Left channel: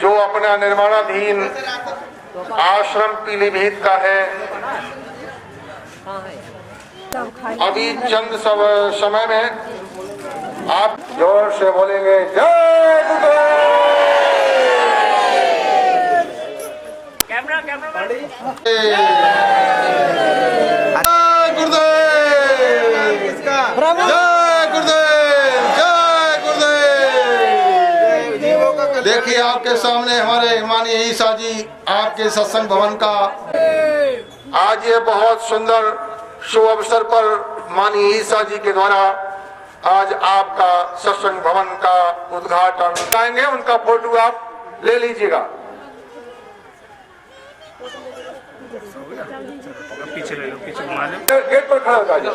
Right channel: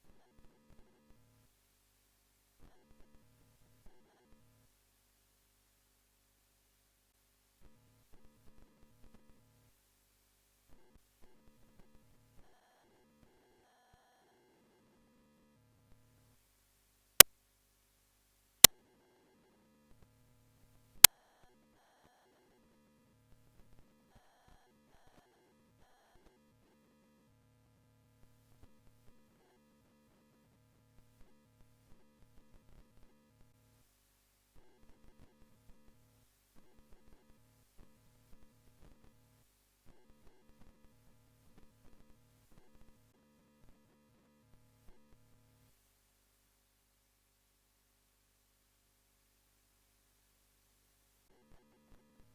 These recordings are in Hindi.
जो अपना निर्माणाधीन आश्रम पीलीभीत का है, अभी चंद समय में आप जोर से बोलेंगे जय गुरुदेव। देखिए आपके सामने हमारे माननीय ईसा जी आपके सत्संग भवन का आज ये बहुत सुंदर शुभ अवसर पर माननीय ईसा जी के द्वारा आज आपका सत्संग भवन का उद्घाटन कराएंगे। उनका फोटो आप ले लीजिएगा। पीछे ले लो, पीछे घुमा लो। गेट पर खड़ा होगा। हेलो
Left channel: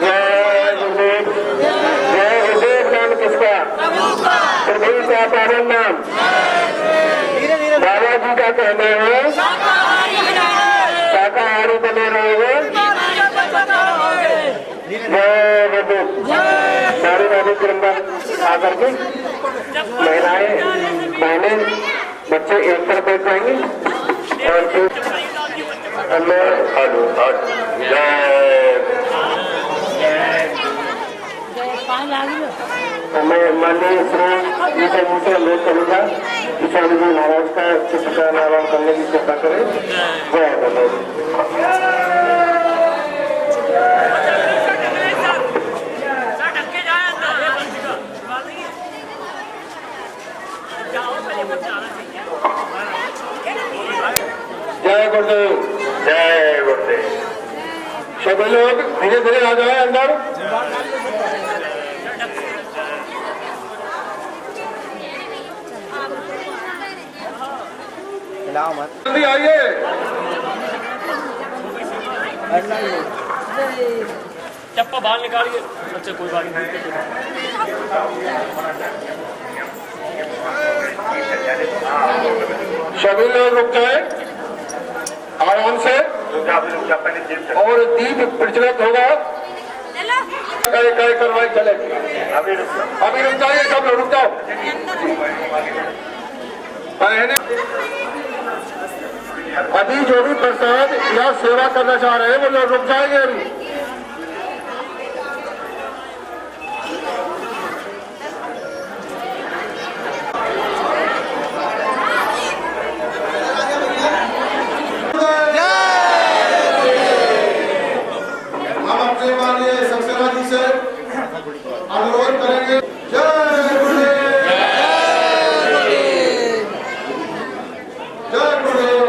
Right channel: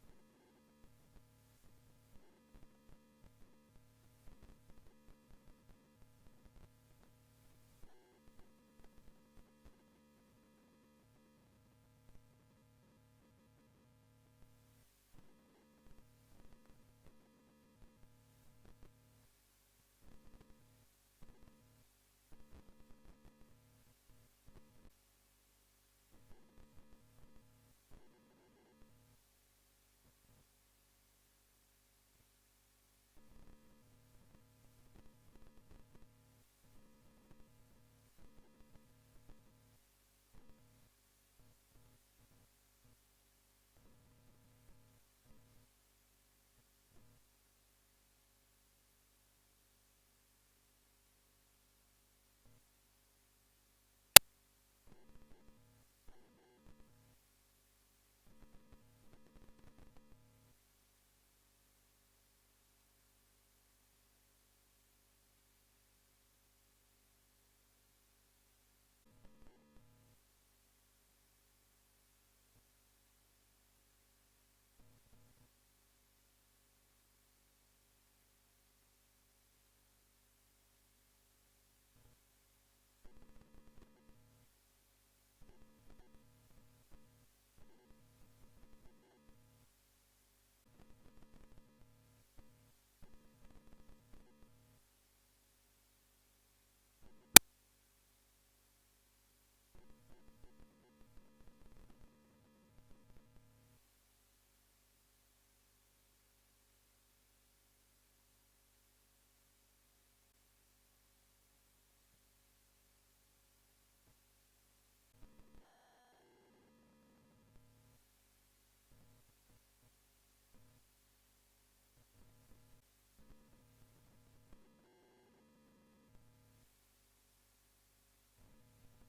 जय गुरुदेव। जय गुरुदेव नाम किसका? प्रभु का पावन नाम बाबा जी का कहना है शाकाहारी बने रहोगे। जय गुरुदेव। सारे नामी क्रमदार आकर के महिलाएं बहनें बच्चे एक तरफ बैठ जाएंगे और फिर मैं माननीय श्री ईसा जी से अनुरोध करूँगा कि स्वामी जी महाराज का चित्र का अनावरण करने की कृपा करें। जय गुरुदेव। जय गुरुदेव। जय गुरुदेव। सभी लोग धीरे धीरे आ जाए अंदर। जल्दी आइए। चप्पा बाहर निकालिए। अच्छा कोई बात नहीं। सभी लोग रुक जाए आराम से और दीप प्रज्वलित होगा। कार्रवाई चलेगी। अभी रुक जाइए सब लोग, रुक जाओ। अभी जो भी प्रसाद या सेवा करना चाह रहे हैं वो लोग रुक जाएंगे। अभी अनुरोध करेंगे। जय गुरुदेव। जय गुरुदेव।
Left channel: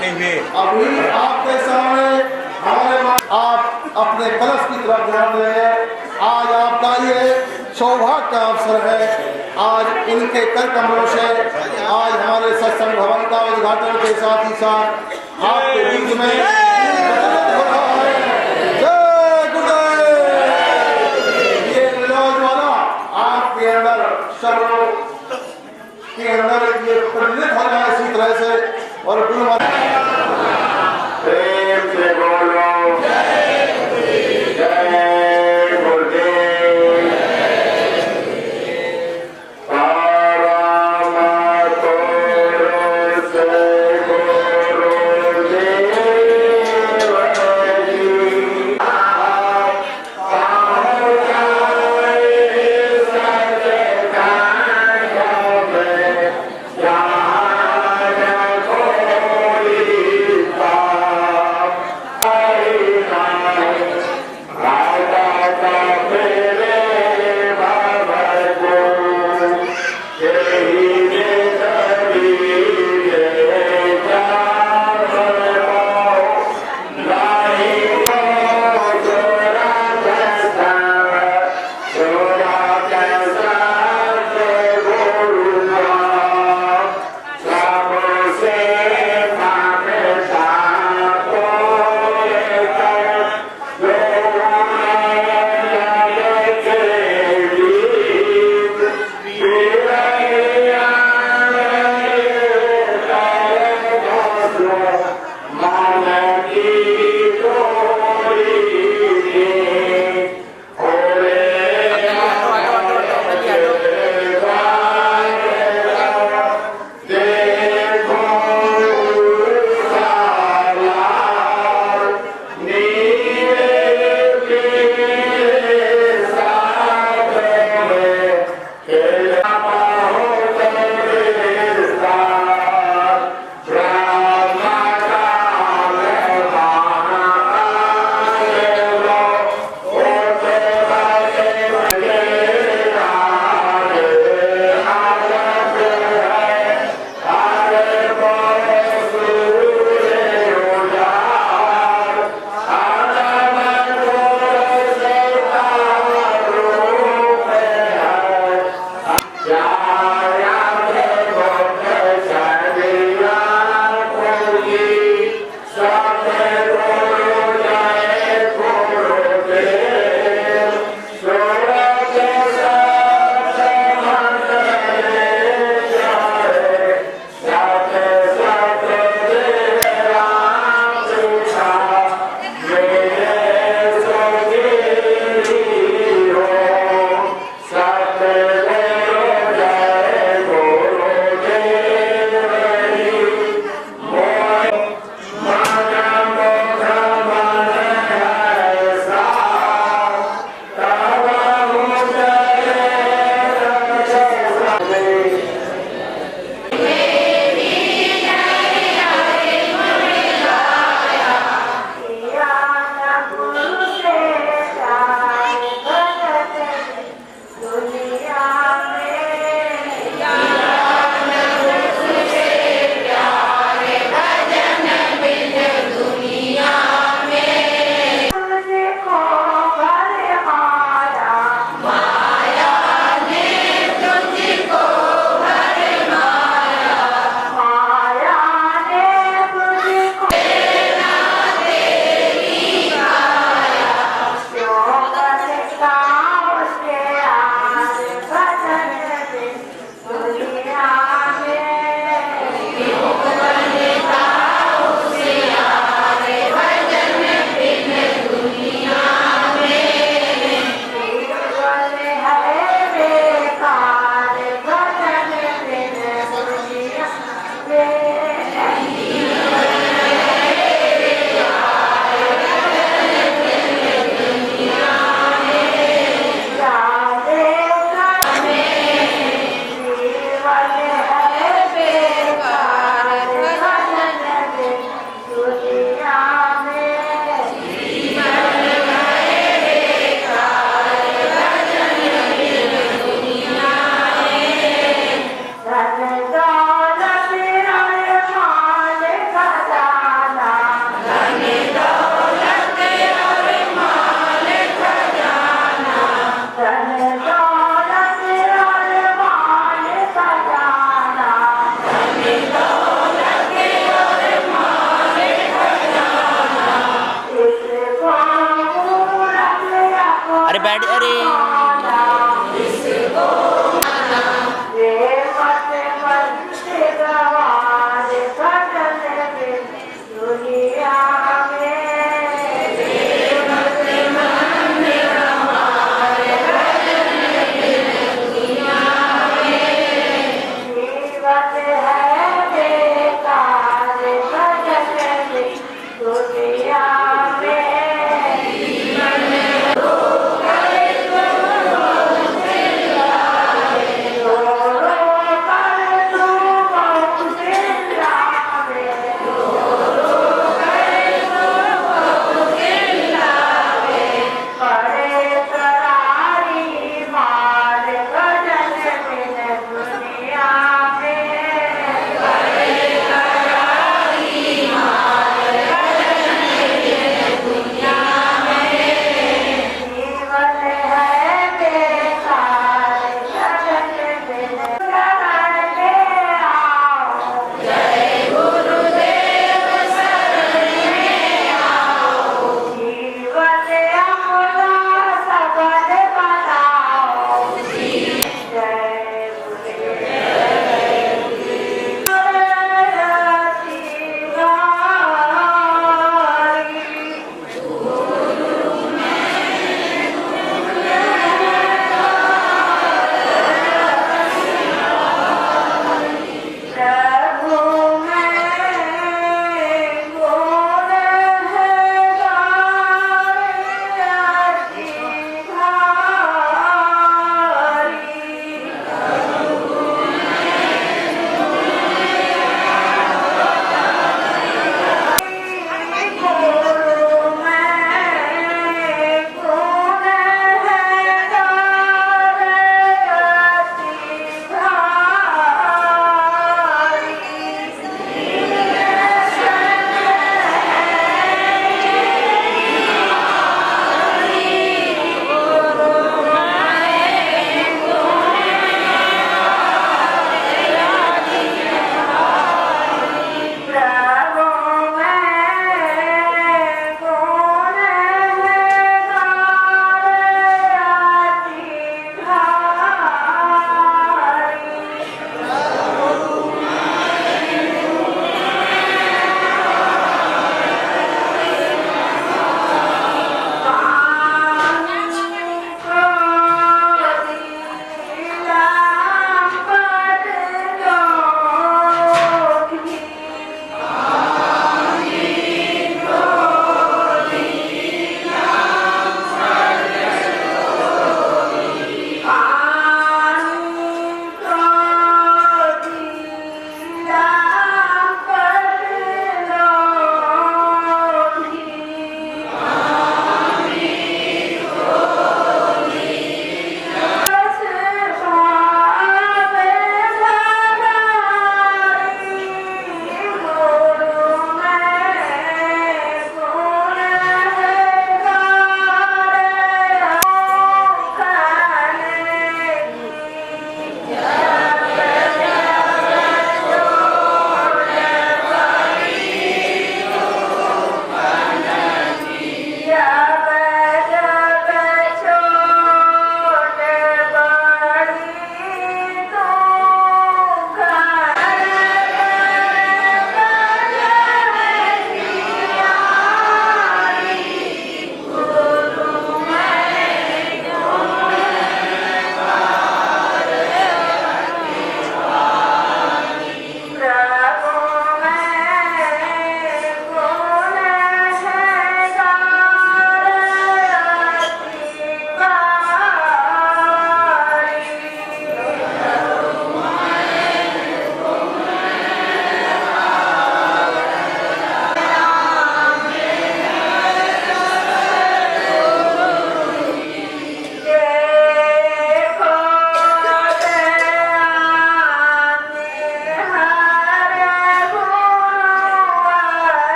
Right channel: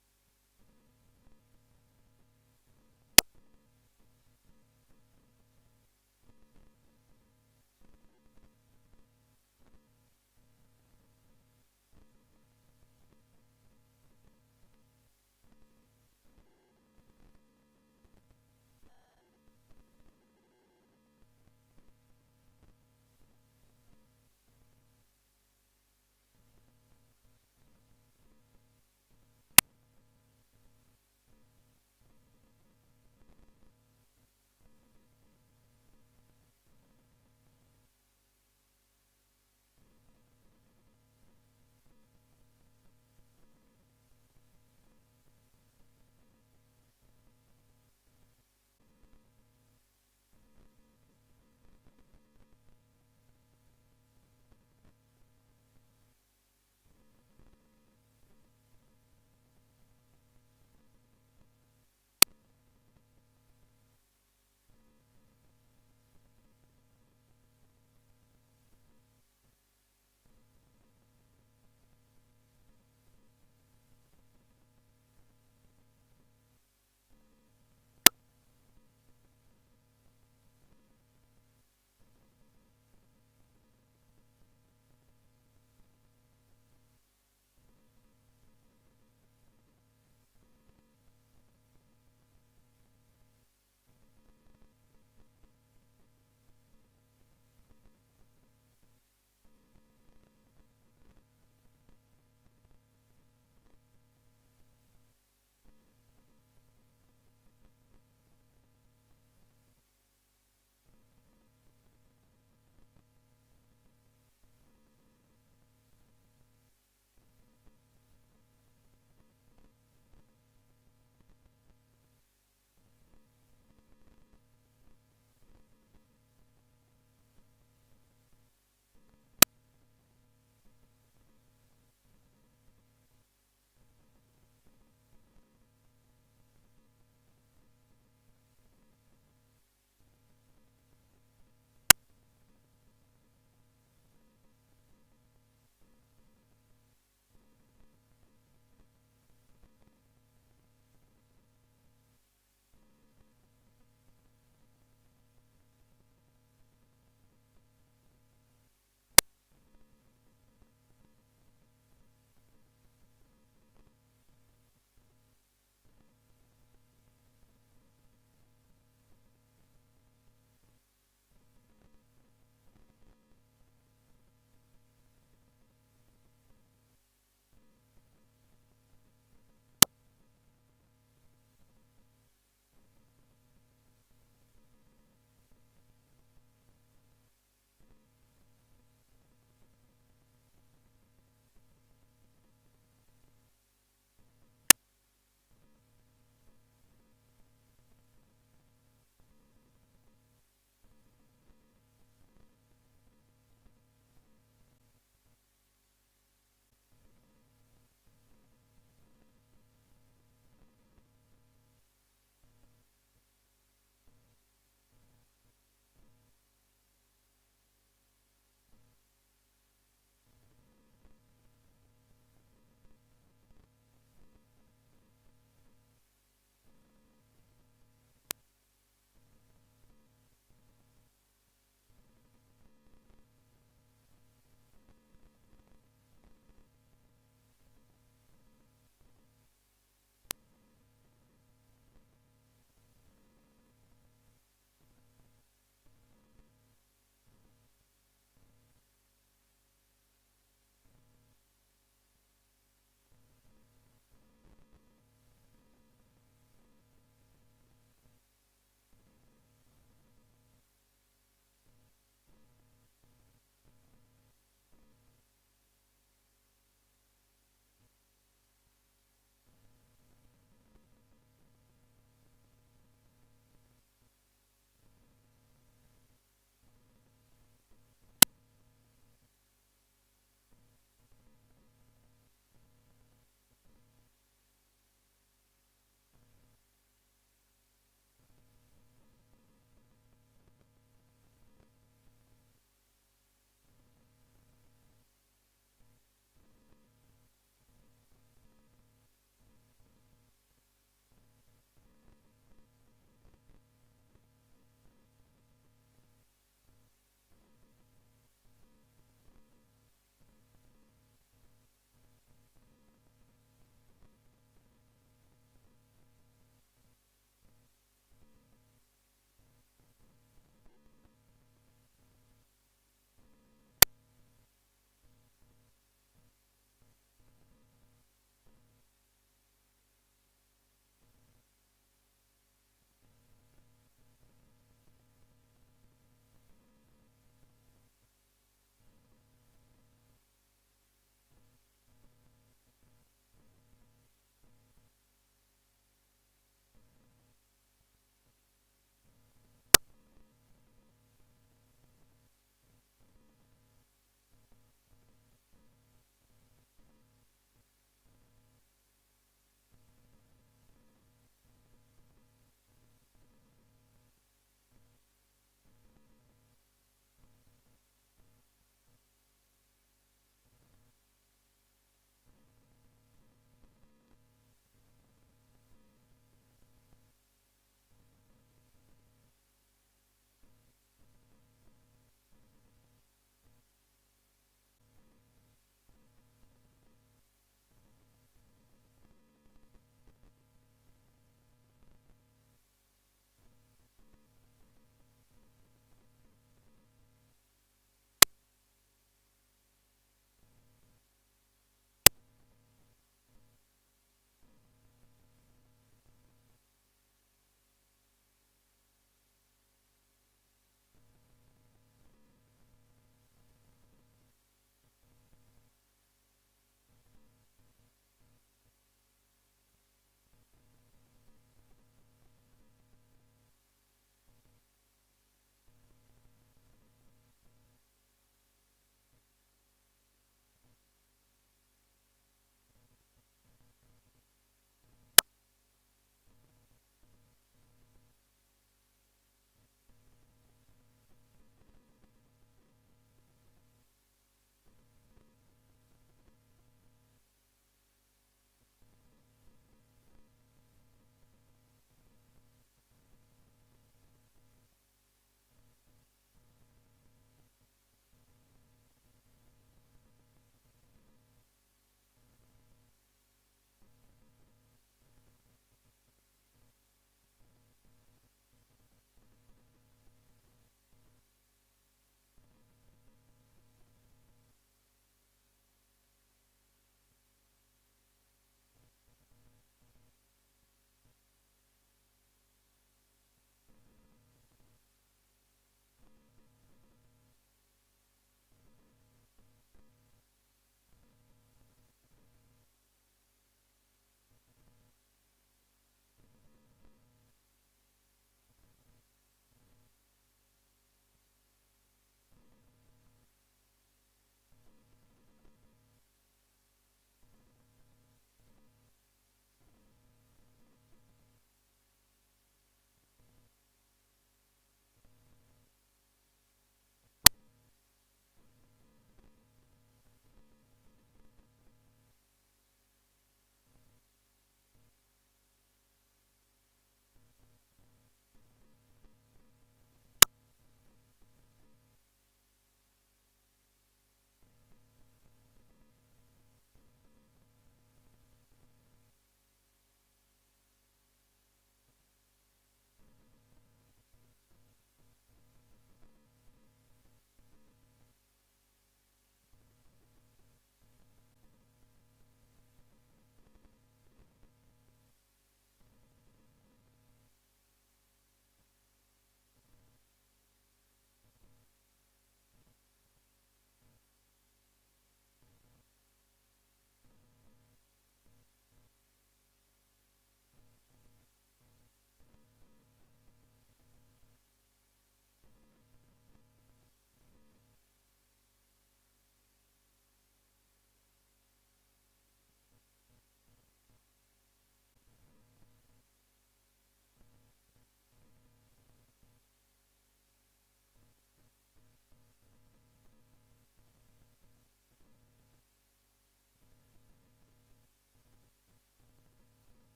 करते हुए अभी आपके सामने आप अपने कलश की तरफ ध्यान दें। आज आपका ये सौभाग्य का अवसर है। आज इनके कर कमलों से आज हमारे सत्संग भवन का उद्घाटन के साथ ही साथ आपके बीच में हो रहा है। जय गुरुदेव। ये नौजवान आपके अंदर सब लोग के अंदर ये प्रेरित हो जाए इसी तरह से और गुरु प्रेम से बोलो जय गुरुदेव।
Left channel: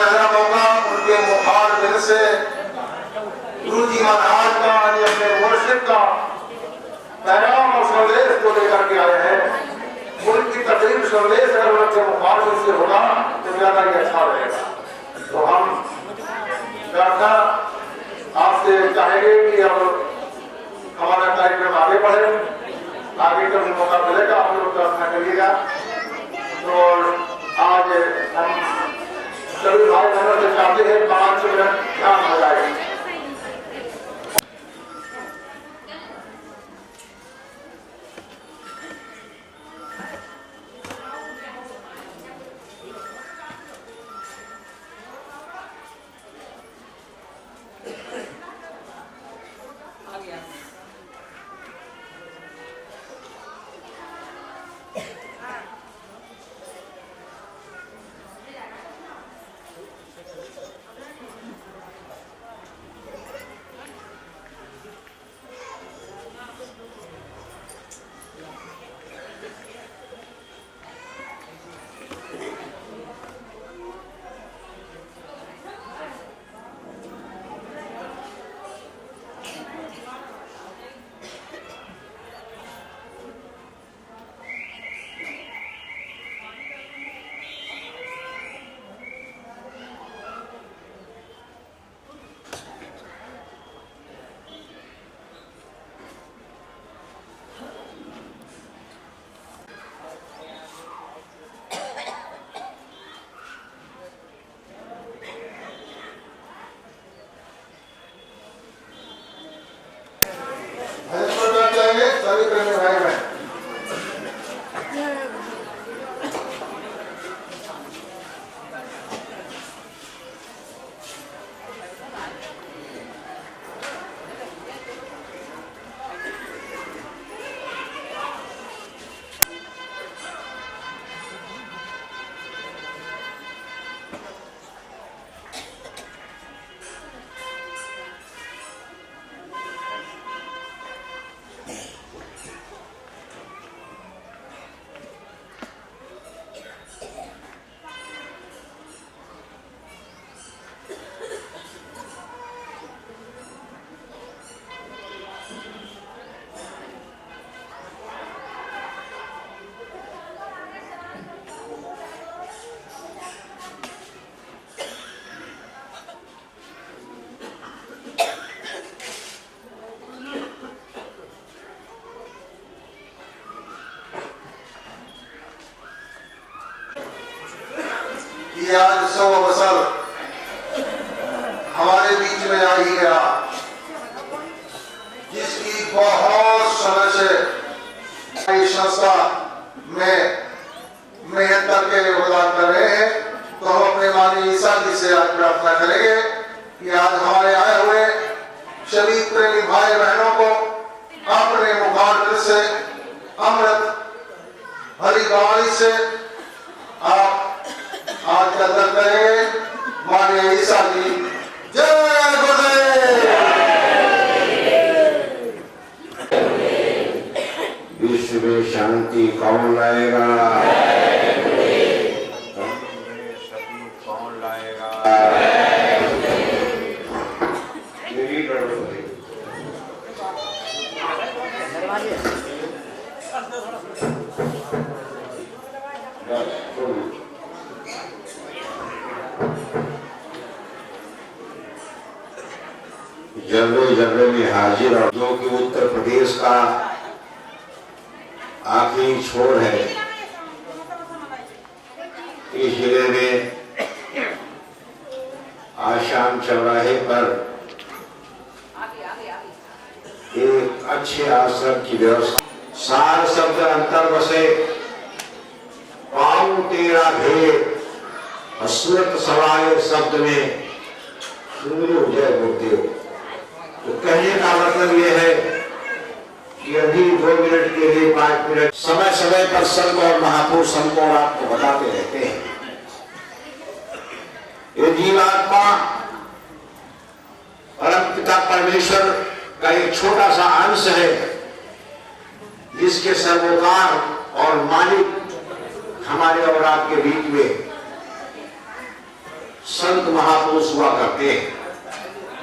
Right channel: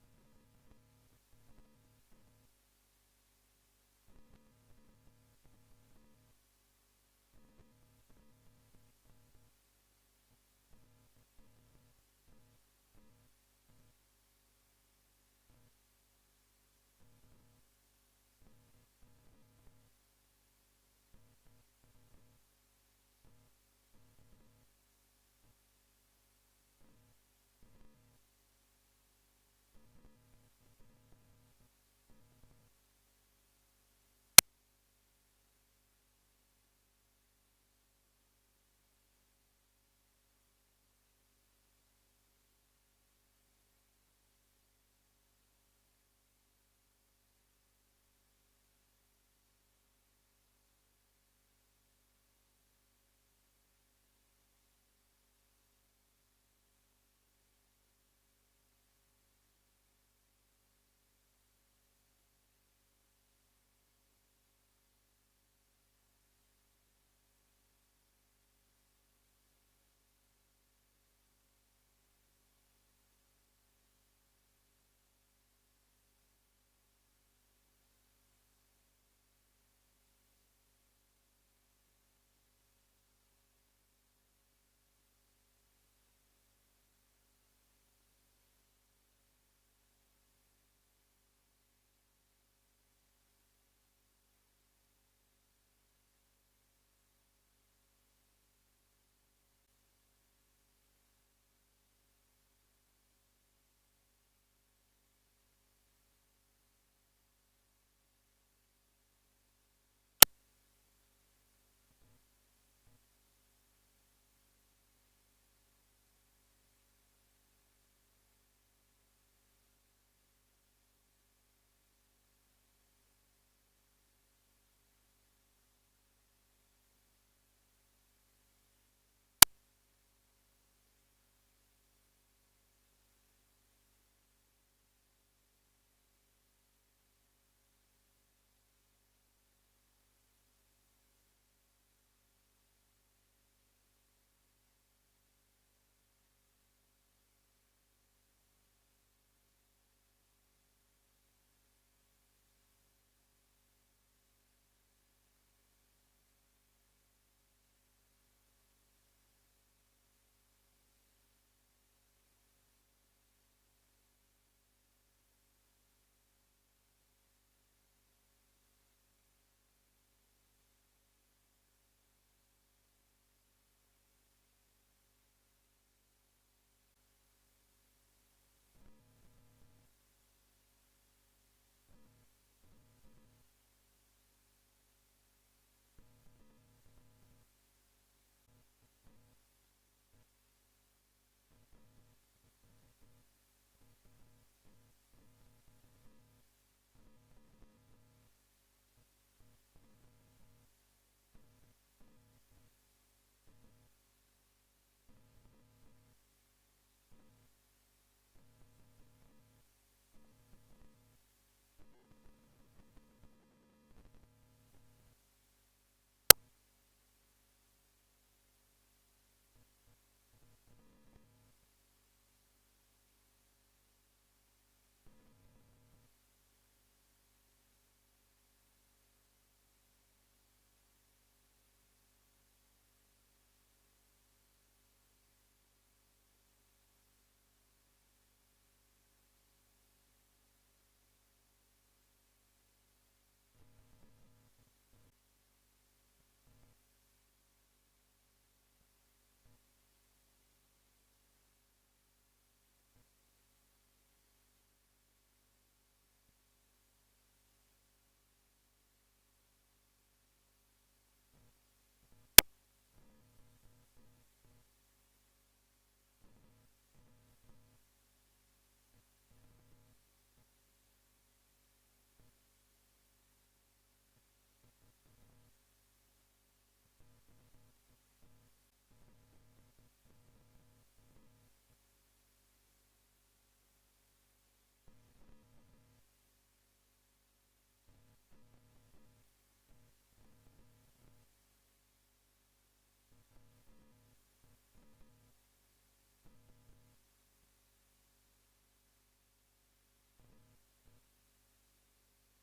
सुनहरा मौका उनके मुखार से गुरु जी महाराज का यानी अपने मुर्शिद का पैगाम और संदेश को लेकर के आए हैं। उनकी तकलीफ संदेश अगर उनके मुखार से होगा तो ज्यादा ही अच्छा रहेगा। तो हम प्रार्थना आपसे चाहेंगे कि अब हमारा कार्यक्रम आगे बढ़े, आगे कभी मौका मिलेगा आप लोग प्रार्थना करिएगा। तो आज हम सभी भाई बहनों से चाहते हैं 5 मिनट ध्यान हो जाए। आज 100 अवसर हमारे बीच में आ ही गया, जिसकी बहुत समय से संस्था में मेहनत करके योगदान कर रहे हैं। तो हम अपने माननीय ईसा जी से आज प्रार्थना करेंगे कि आज हमारे आए हुए सभी प्रेमी भाई बहनों को अपने मुखार से अमृत हरि वाणी से आप आज का दर्द करेंगे। माननीय ईसा जी जय गुरुदेव। विश्व में शांति कौन लाएगा? कौन लाएगा? जलवे जलवे में हाजिर, और जो कि उत्तर प्रदेश का आखिरी छोर है, इस जिले में आशाम चौराहे पर एक अच्छे आश्रम की व्यवस्था। सार शब्द अंतर बसे पाऊं तेरा भेद, अस्मृत सवाए शब्द में सुनो जय गुरुदेव। तो कहने का मतलब यह है कि अभी 2 मिनट के लिए 5 मिनट समय समय पर संत और महापुरुष हमको और आपको बताते रहते हैं। ये जीवात्मा परम पिता परमेश्वर का एक छोटा सा अंश है, जिसके सर्वोकार और मालिक हमारे और आपके बीच में संत संत महापुरुष हुआ करते हैं।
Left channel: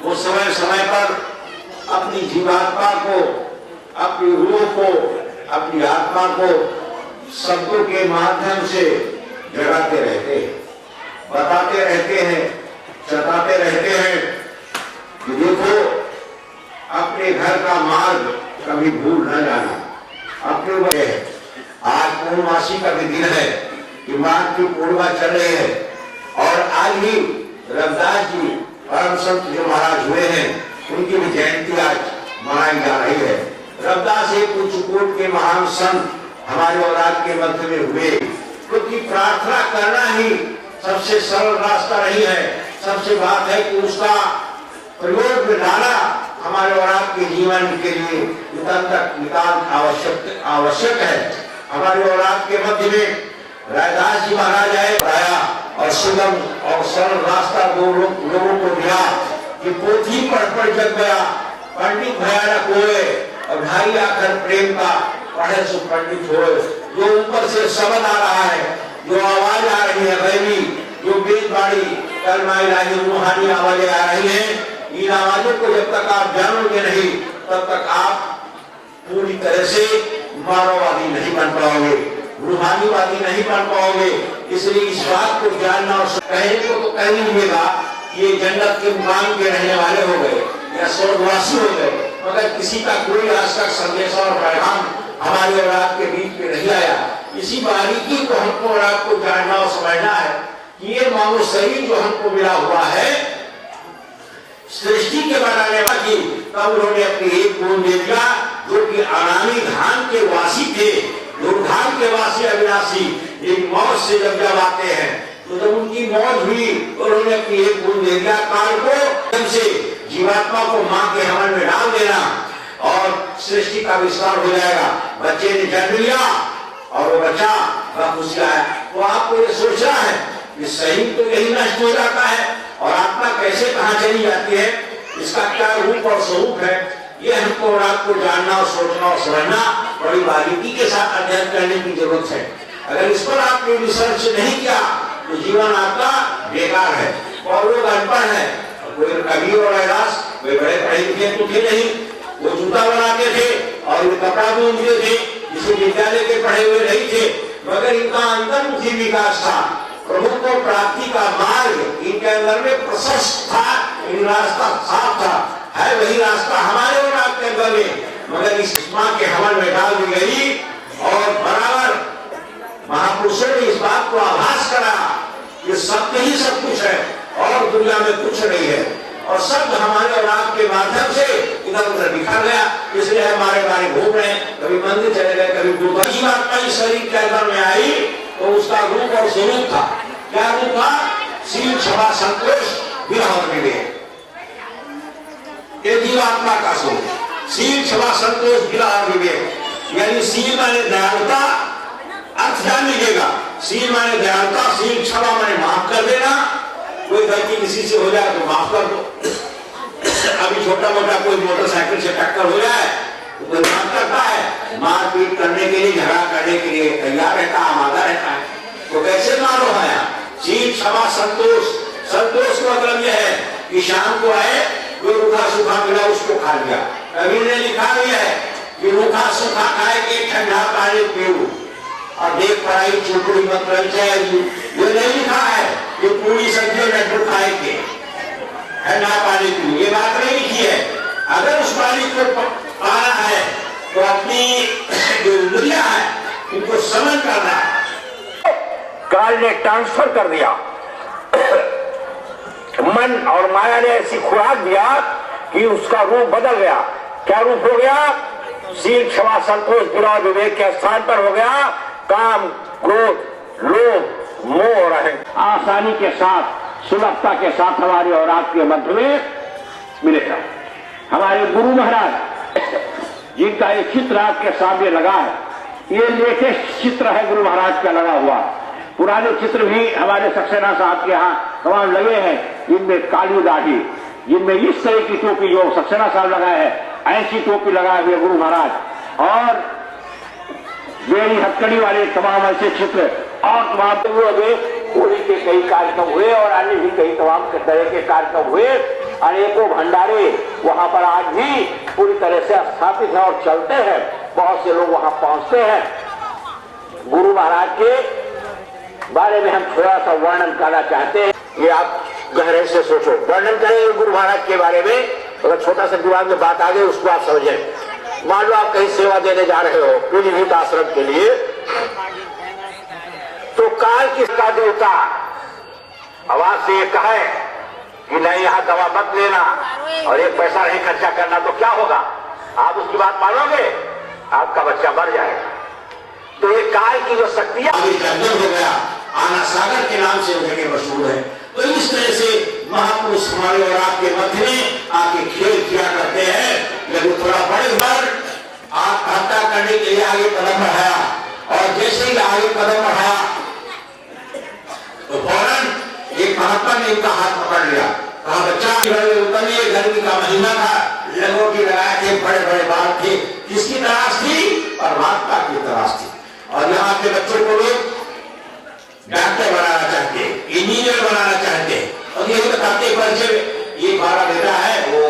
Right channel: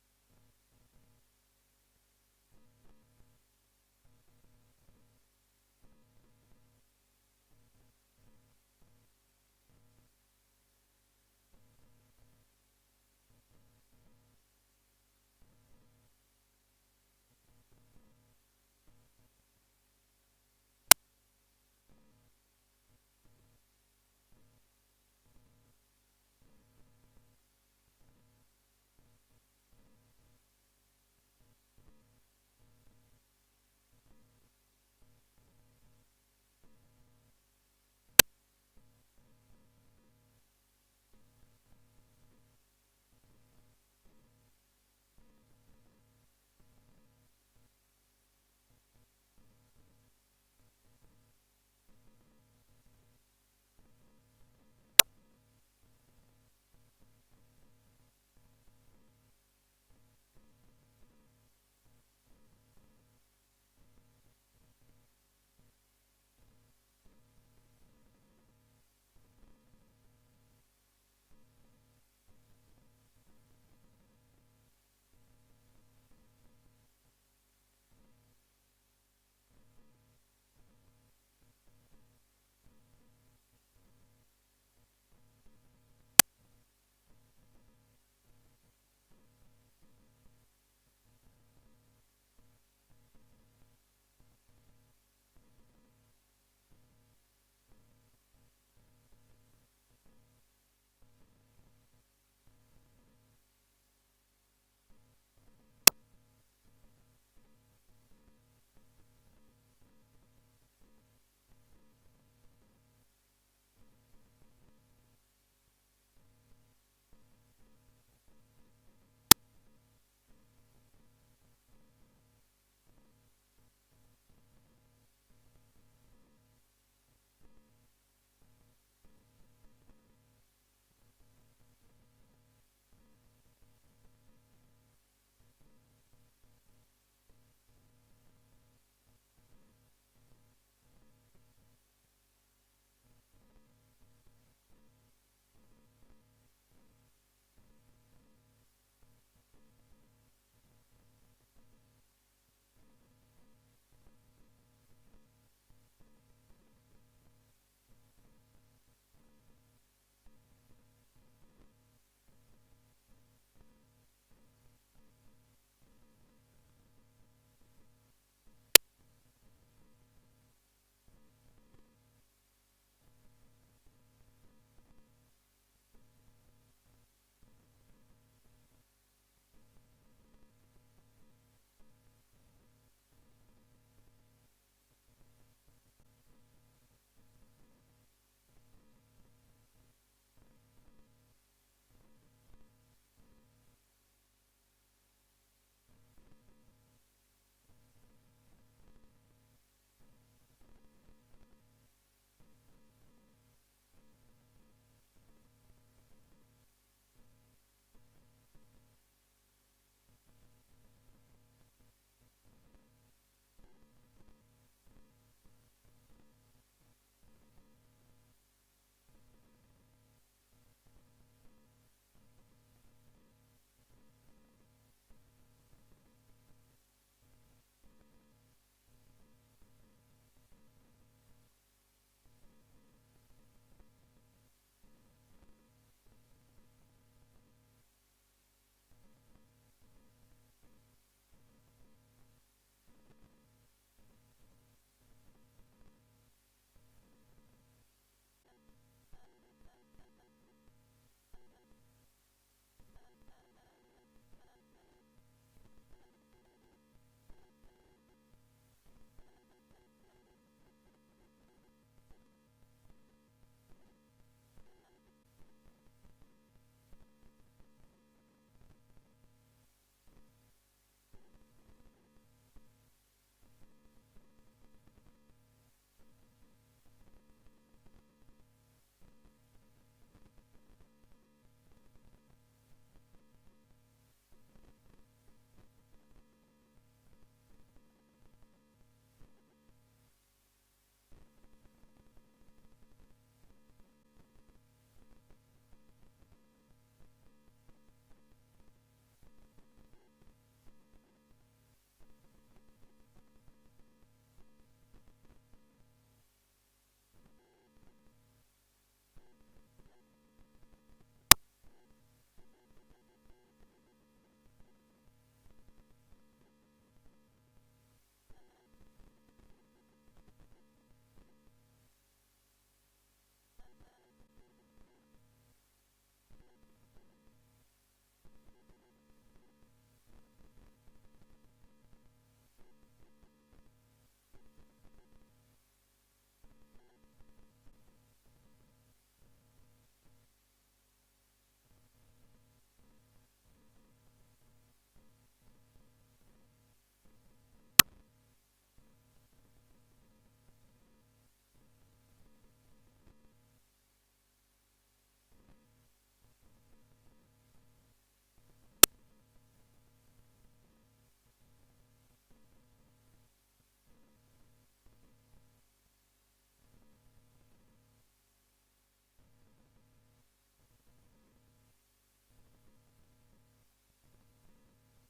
वो समय समय पर अपनी जीवात्मा को, अपनी रूह को, अपनी आत्मा को शब्दों के माध्यम से जगाते रहते हैं, बताते रहते हैं, चताते रहते हैं कि देखो अपने घर का मार्ग कभी भूल न जाना। अपने वह आज पूर्णमासी का भी दिन है कि माघ की पूर्णिमा चल रही है और आज ही रविदास जी परम संत जो महाराज हुए हैं उनकी भी जयंती आज मनाई जा रही है। रविदास एक उच्चकोट के महान संत हमारे औलाद के मध्य में हुए, क्योंकि प्रार्थना करना ही सबसे सरल रास्ता नहीं है। सबसे बात है कि उसका प्रयोग में डाला हमारे औलाद के जीवन के लिए नितांत आवश्यक है। हमारे औलाद के मध्य में रविदास जी महाराज आया और सुगम और सरल रास्ता लोगों को दिया कि पोथी पढ़ जग गया, पंडित भया न कोय, और भाई आखिर प्रेम का पढ़े सो पंडित होए। जो ऊपर से शब्द आ रहा है, जो आवाज आ रही है गैबी, जो बेजबाड़ी कलमा इलाही रूहानी आवाजें आ रही हैं, इन आवाजों को जब तक आप जानोगे नहीं तब तक आप पूरी तरह से मानववादी नहीं बन पाओगे, रूहानीवादी नहीं बन पाओगे। इसलिए इस बात को जानना और कहने को तो कह लीजिएगा ये जन्नत के मुकाम के रहने वाले हो गए या स्वर्गवासी हो गए, मगर किसी का कोई आज तक संदेश और पैगाम हमारे औलाद के बीच में नहीं आया। इसी बारीकी को हमको और आपको जानना और समझना है कि ये मानव शरीर जो हमको मिला हुआ है सृष्टि के बनाने वाली, तब उन्होंने अपनी एक बूंद दे दिया जो कि अनामी धाम के वासी थे, दुर्धाम के वासी अविनाशी, एक मौत से जब आते हैं तो जब उनकी मौत हुई तो उन्होंने अपनी एक बूंद दे दिया। काल को जब से जीवात्मा को मां के हमल में डाल देना और सृष्टि का विस्तार हो जाएगा। बच्चे ने जन्म लिया और वो बच्चा खुश आया, तो आपको ये सोचना है कि शरीर तो यही नष्ट हो जाता है और आत्मा कैसे कहाँ चली जाती है, इसका क्या रूप और स्वरूप है, ये हमको और आपको जानना और सोचना और समझना बड़ी बारीकी के साथ अध्ययन करने की जरूरत है। अगर इस पर आपने रिसर्च नहीं किया तो जीवन आपका बेकार है। और लोग अनपढ़ है, कोई कवि और रविदास वे बड़े पढ़े लिखे तो थे नहीं, वो जूता बनाते थे और वे कपड़ा बुनते थे, इसे विद्यालय के पढ़े हुए नहीं थे, मगर इनका अंतर्मुखी विकास था। प्रभु को प्राप्ति का मार्ग इनके अंदर में प्रशस्त था, इन रास्ता साफ था, है वही रास्ता हमारे और आपके अंदर में, मगर इस मां के हमल में डाल दी गई। और बराबर महापुरुषों ने इस बात को आभास करा कि सत्य ही सब कुछ है और दुनिया में कुछ नहीं है, और शब्द हमारे और आपके माध्यम से इधर उधर बिखर गया। इसलिए हमारे बारे घूम रहे, कभी मंदिर चले गए, कभी गुरुद्वारा। जीवात्मा इस शरीर के अंदर में आई तो उसका रूप और स्वरूप था, क्या रूप था? शील, क्षमा, संतोष, विरह और विवेक। ये जीवात्मा का स्वरूप, शील, क्षमा, संतोष, विरह और विवेक। यानी शील माने दयालुता, अर्थ जान लीजिएगा। शील माने दयालुता, शील क्षमा माने माफ कर देना, कोई गलती किसी से हो जाए तो माफ कर दो। अभी छोटा मोटा कोई मोटरसाइकिल से टक्कर हो जाए तो कोई माफ करता है, मारपीट करने के लिए, झगड़ा करने के लिए तैयार रहता है, आमादा रहता है। तो कैसे मानो है? शील, क्षमा, संतोष। संतोष का मतलब यह है कि शाम को आए, जो रूखा सूखा मिला उसको खा लिया। कवि ने लिखा भी है कि रूखा सूखा खाए के ठंडा पानी पीऊ और देख पढ़ाई चुपड़ी मत रह जाएगी। ये नहीं लिखा है कि पूरी सब्जी लड्डू खाएंगे, ठंडा पानी पीऊ, ये बात नहीं लिखी है। अगर उस पानी को पाना है तो अपनी जो इंद्रियां है इनको समझ करना है। काल ने ट्रांसफर कर दिया, मन और माया ने ऐसी खुराक दिया कि उसका रूप बदल गया। क्या रूप हो गया? शील, क्षमा, संतोष, विरह, विवेक के स्थान पर हो गया काम, क्रोध, लोभ, मोह और अहंकार। आसानी के साथ, सुलभता के साथ हमारे और आपके मध्य में मिलेगा। हमारे गुरु महाराज जिनका एक चित्र आपके सामने लगा है, ये लेटेस्ट चित्र है गुरु महाराज का लगा हुआ। पुराने चित्र भी हमारे सक्सेना साहब के यहाँ तमाम लगे हैं, जिनमें काली दाढ़ी, जिनमें इस तरह की टोपी जो सक्सेना साहब लगाए हैं, ऐसी टोपी लगाए हुए गुरु महाराज, और बेड़ी हथकड़ी वाले तमाम ऐसे चित्र और तमाम हुए होली के कई कार्यक्रम हुए और अन्य भी कई तमाम तरह के कार्यक्रम हुए। अनेकों भंडारे वहां पर आज भी पूरी तरह से स्थापित है और चलते हैं। बहुत से लोग वहां पहुंचते हैं। गुरु महाराज के बारे में हम थोड़ा सा वर्णन करना चाहते हैं। ये आप गहरे से सोचो, वर्णन करेंगे गुरु महाराज के बारे में। अगर छोटा सा दिमाग में बात आ गई उसको आप समझें। मान लो आप कहीं सेवा देने जा रहे हो पीलीभीत आश्रम के लिए, तो काल किसका देवता आवाज से ये कहे कि नहीं यहाँ दवा मत लेना और एक पैसा नहीं खर्चा करना, तो क्या होगा? आप उसकी बात मानोगे? आपका बच्चा मर जाएगा। तो ये काल की जो शक्तियां जंगल हो गया, आना सागर के नाम से जगह मशहूर है। तो इस तरह से महापुरुष हमारे और आपके मध्य में आके खेल किया करते हैं। लेकिन थोड़ा बड़े बार आत्महत्या करने के लिए आगे कदम बढ़ाया, और जैसे ही आगे कदम बढ़ाया तो फौरन एक महात्मा ने इनका हाथ पकड़ लिया, कहा बच्चा घर में उतरिए, गर्मी का महीना था, लंगोटी लगाए थे, बड़े बड़े बाल थे। किसकी तलाश थी? परमात्मा की तलाश थी। और यहाँ के बच्चों को लोग डॉक्टर बनाना चाहते, इंजीनियर बनाना चाहते, और ये बताते परिचय एक हमारा बेटा है वो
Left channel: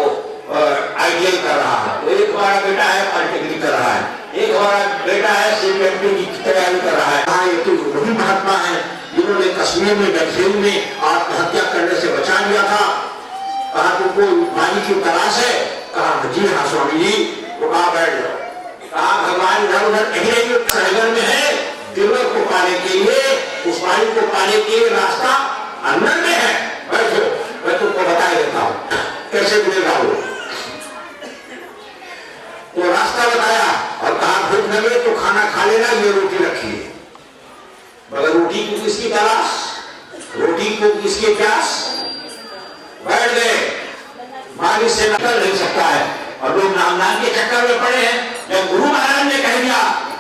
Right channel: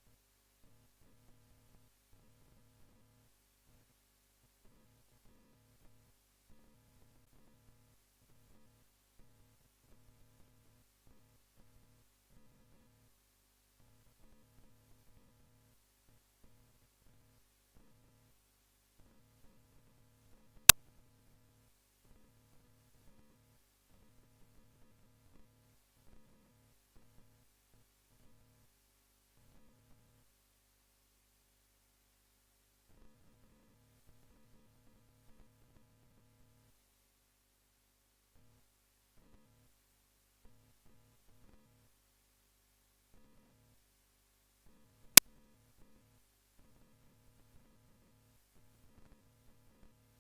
ITI कर रहा है, एक हमारा बेटा है पॉलिटेक्निक कर रहा है, एक हमारा बेटा है CPMT की तैयारी कर रहा है। हाँ, ये तो वही महात्मा है जिन्होंने कश्मीर में डलझील में आत्महत्या करने से बचा लिया था। कहा तुमको पानी की तलाश है? कहा जी हाँ स्वामी जी। वो कहा बैठ जाओ। कहा भगवान इधर उधर कहीं नहीं, सागर में है, दिलवर को पाने के लिए, उस पानी को पाने के लिए रास्ता अंदर में है, बैठो मैं तुमको बता देता हूं कैसे मिलेगा वो। तो रास्ता बताया और कहा भूख लगे तो खाना खा लेना, ये रोटी रखी है। मगर रोटी को किसकी तलाश, रोटी को किसकी प्यास? बैठ गए। मालिक से निकल नहीं सकता है और लोग नाम के चक्कर में पड़े हैं। जब गुरु महाराज ने कह दिया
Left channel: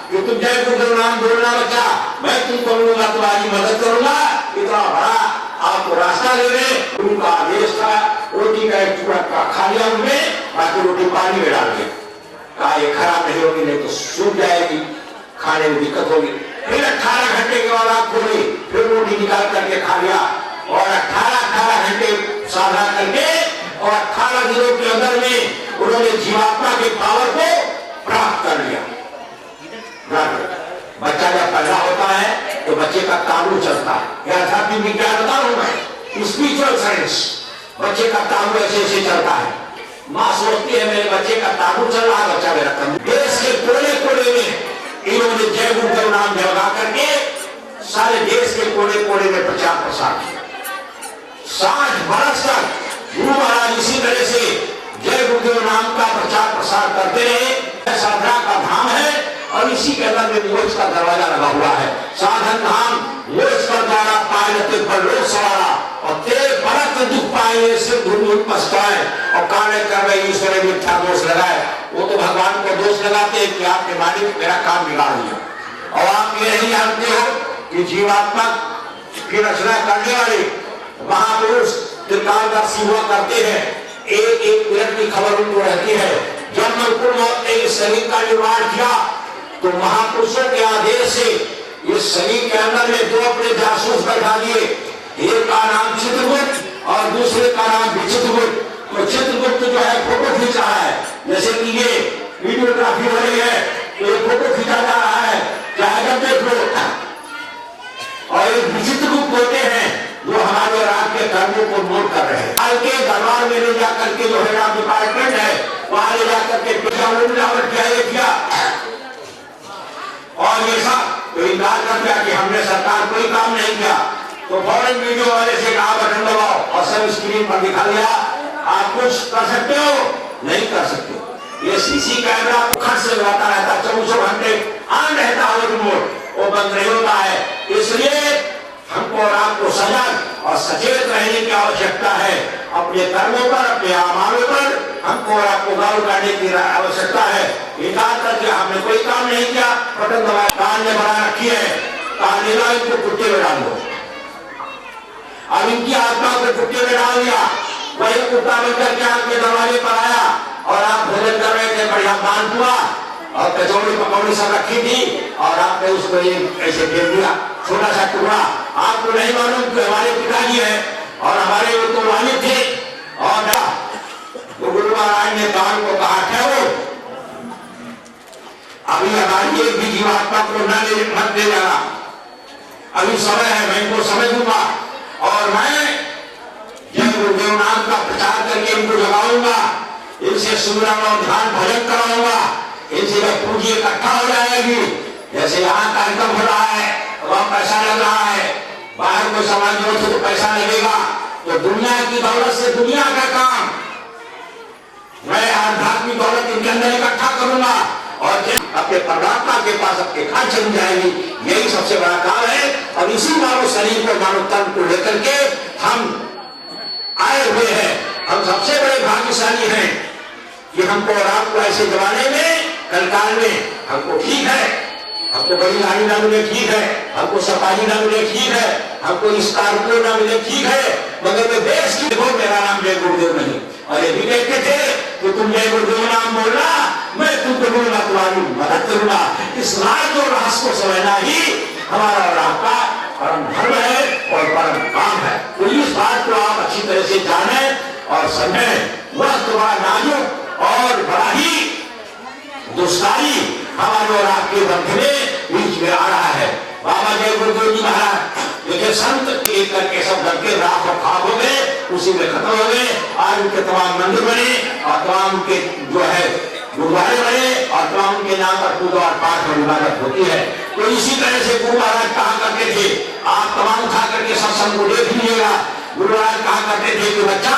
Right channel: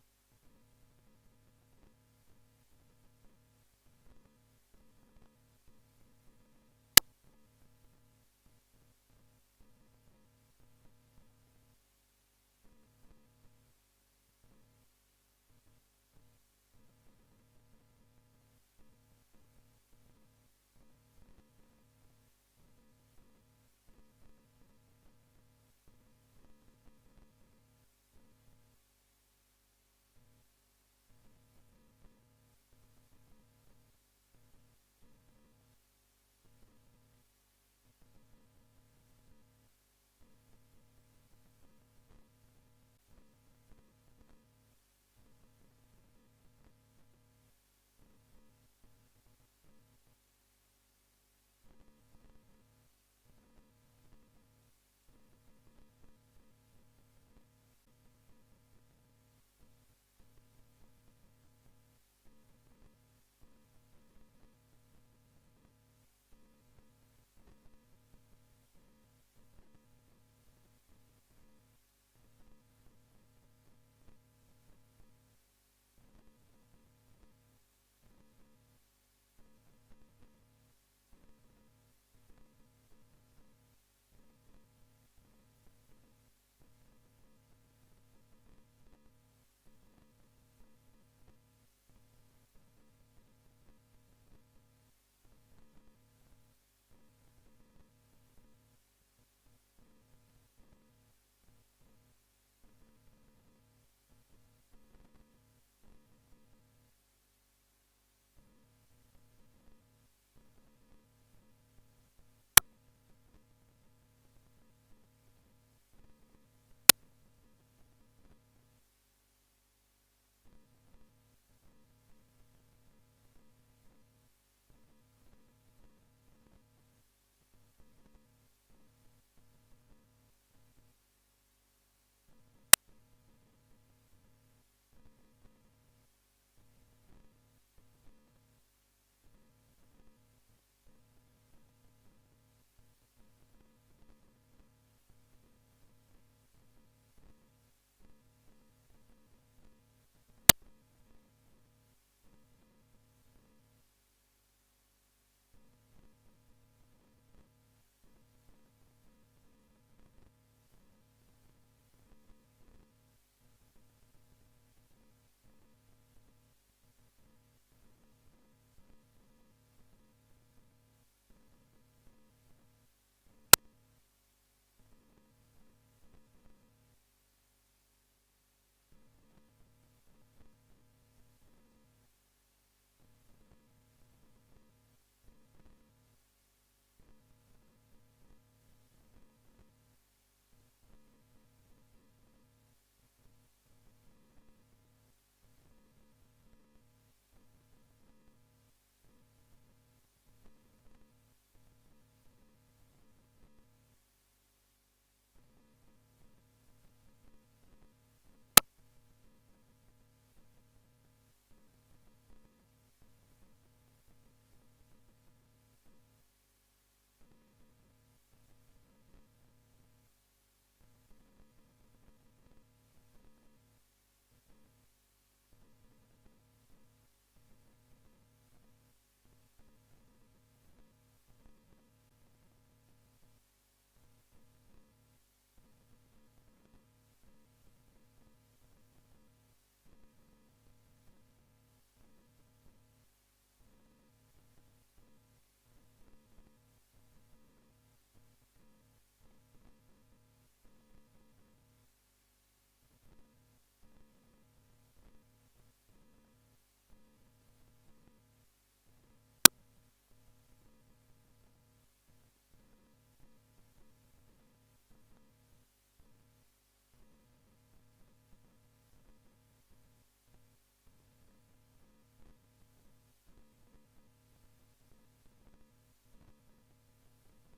कि तुम जय गुरु नाम बोलना बच्चा, मैं तुमको मिलूंगा, तुम्हारी मदद करूंगा, इतना बड़ा आपको रास्ता दे रहे। गुरु का आदेश था, रोटी का एक टुकड़ा खा लिया उनमें, बाकी रोटी पानी में डाल दिया। कहा ये खराब नहीं होगी, नहीं तो सूख जाएगी, खाने में दिक्कत होगी। फिर 18 घंटे के बाद आप खोली, फिर रोटी निकाल करके खा लिया और 18 घंटे साधना करके और 18 दिनों के अंदर में उन्होंने जीवात्मा के पावर को प्राप्त कर लिया। बच्चा जब पैदा होता है तो बच्चे का ताबू चलता है। यह आध्यात्मिक विज्ञान बता रहा हूं मैं, स्पिरिचुअल साइंस। बच्चे का ताबू ऐसे ऐसे चलता है। माँ सोचती है मेरे बच्चे का ताबू चल रहा है, बच्चा मेरा कम। देश के कोने कोने में इन्होंने जय गुरु का नाम जगा करके सारे देश के कोने कोने में प्रचार प्रसार किया। 60 बरस तक गुरु महाराज इसी तरह से जय गुरुदेव नाम का प्रचार प्रसार करते रहे। साधना का धाम है और इसी के अंदर में मोक्ष का दरवाजा लगा हुआ है। साधन धाम मोक्ष का द्वारा पाए पर लोग सवारा और तेरे परत दुख पाए से धूल पछताए और काने कर रहे ईश्वर मिथ्या दोष लगाए। वो तो भगवान को दोष लगाते हैं कि आपने मालिक मेरा काम बिगाड़ दिया। और आप ये नहीं जानते हो कि जीवात्मा की रचना करने वाले महापुरुष त्रिकालदर्शी हुआ करते हैं। एक एक मिनट की खबर उनको रहती है। जब मलकुल मौत ने इस शरीर का निर्माण किया तो महापुरुषों के आदेश से इस शरीर के अंदर में 2 अपने जासूस बैठा दिए। एक का नाम चित्रगुप्त और दूसरे का नाम विचित्रगुप्त। तो चित्रगुप्त जो है फोटो खींच रहा है, जैसे कि ये वीडियोग्राफी हो रही है तो ये फोटो खींचा जा रहा है, चाहे जब देख लो। और एक विचित्रगुप्त होते हैं जो हमारे और आपके कर्मों को नोट कर रहे हैं। हाल के दरबार में ले जाकर के जो है डिपार्टमेंट है वहां ले जाकर के मिलावट किया और ये सब तो इनकार कर दिया कि हमने सरकार कोई काम नहीं किया। तो फौरन वीडियो वाले से कहा बटन दबाओ और सब स्क्रीन पर दिखा दिया। आप कुछ कर सकते हो? नहीं कर सकते। ये सीसी कैमरा खर्च से लगाता रहता, 24 घंटे ऑन रहता है रिमोट, वो बंद नहीं होता है। इसलिए हमको और आपको सजग और सचेत रहने की आवश्यकता है। अपने कर्मों पर, अपने अमालों पर हमको और आपको गौर करने की आवश्यकता है। इनकार करके हमने कोई काम नहीं किया, बटन दबाया, कान ने बना रखी है, कान लेना इनको कुत्ते में डाल दो। अब इनकी आत्मा को कुत्ते में डाल दिया, वही कुत्ता बनकर के आपके दरवाजे पर आया और आप भोजन कर रहे थे, बढ़िया मान हुआ और कचौड़ी पकौड़ी सब रखी थी और आपने उसको एक ऐसे फेंक दिया, छोटा सा टुकड़ा आपको नहीं मालूम कि हमारे पिताजी हैं और हमारे वो तो वालिद थे। और ना तो गुरु महाराज ने कान को कहा ठहरो, अभी हमारी एक भी जीवात्मा को मत ले जाना, अभी समय है, मैं इनको समझ दूंगा और मैं जब गुरुदेव नाम का प्रचार करके इनको जगाऊंगा, इनसे सुमरन और ध्यान भजन कराऊंगा, इनसे जब पूंजी इकट्ठा हो जाएगी, जैसे यहाँ कार्यक्रम हो रहा है, वहाँ पैसा लग रहा है, बाहर को समाज से तो पैसा लगेगा, तो दुनिया की दौलत से दुनिया का काम, मैं आध्यात्मिक दौलत इनके अंदर इकट्ठा करूंगा और अपने परमात्मा के पास अपने घर चली जाएगी। यही सबसे बड़ा काम है और इसी मानव शरीर को, मानव तन को लेकर के हम आए हुए हैं। हम सबसे बड़े भाग्यशाली हैं कि हमको और आपको ऐसे जमाने में, कलकाल में, हमको ठीक है, हमको बड़ी गाड़ी ना मिले ठीक है, हमको सफारी ना मिले ठीक है, हमको स्कॉर्पियो ना मिले ठीक है, मगर मैं देश की देखो मेरा नाम जय गुरुदेव नहीं। और ये भी कहते थे कि तुम जय गुरुदेव नाम बोलना, मैं तुमको बोलूंगा, तुम्हारी मदद करूंगा। इस राज और रहस्य को समझना ही हमारा और आपका परम धर्म है और परम काम है। तो इस बात को आप अच्छी तरह से जाने और समझें। वह तुम्हारा नाजुक और बड़ा ही दुष्कारी हमारे और आपके मध्य में बीच में आ रहा है। बाबा जय गुरुदेव जी महाराज देखिए, संत एक करके सब घर के राख और खाक हो गए, उसी में खत्म हो गए। आज उनके तमाम मंदिर बने और तमाम के जो है गुरुद्वारे बने और तमाम उनके नाम पर पूजा और पाठ और इबादत होती है। तो इसी तरह से गुरु महाराज कहा करते थे, आप तमाम उठा करके सत्संग को देख लीजिएगा। गुरु महाराज कहा करते थे कि बच्चा,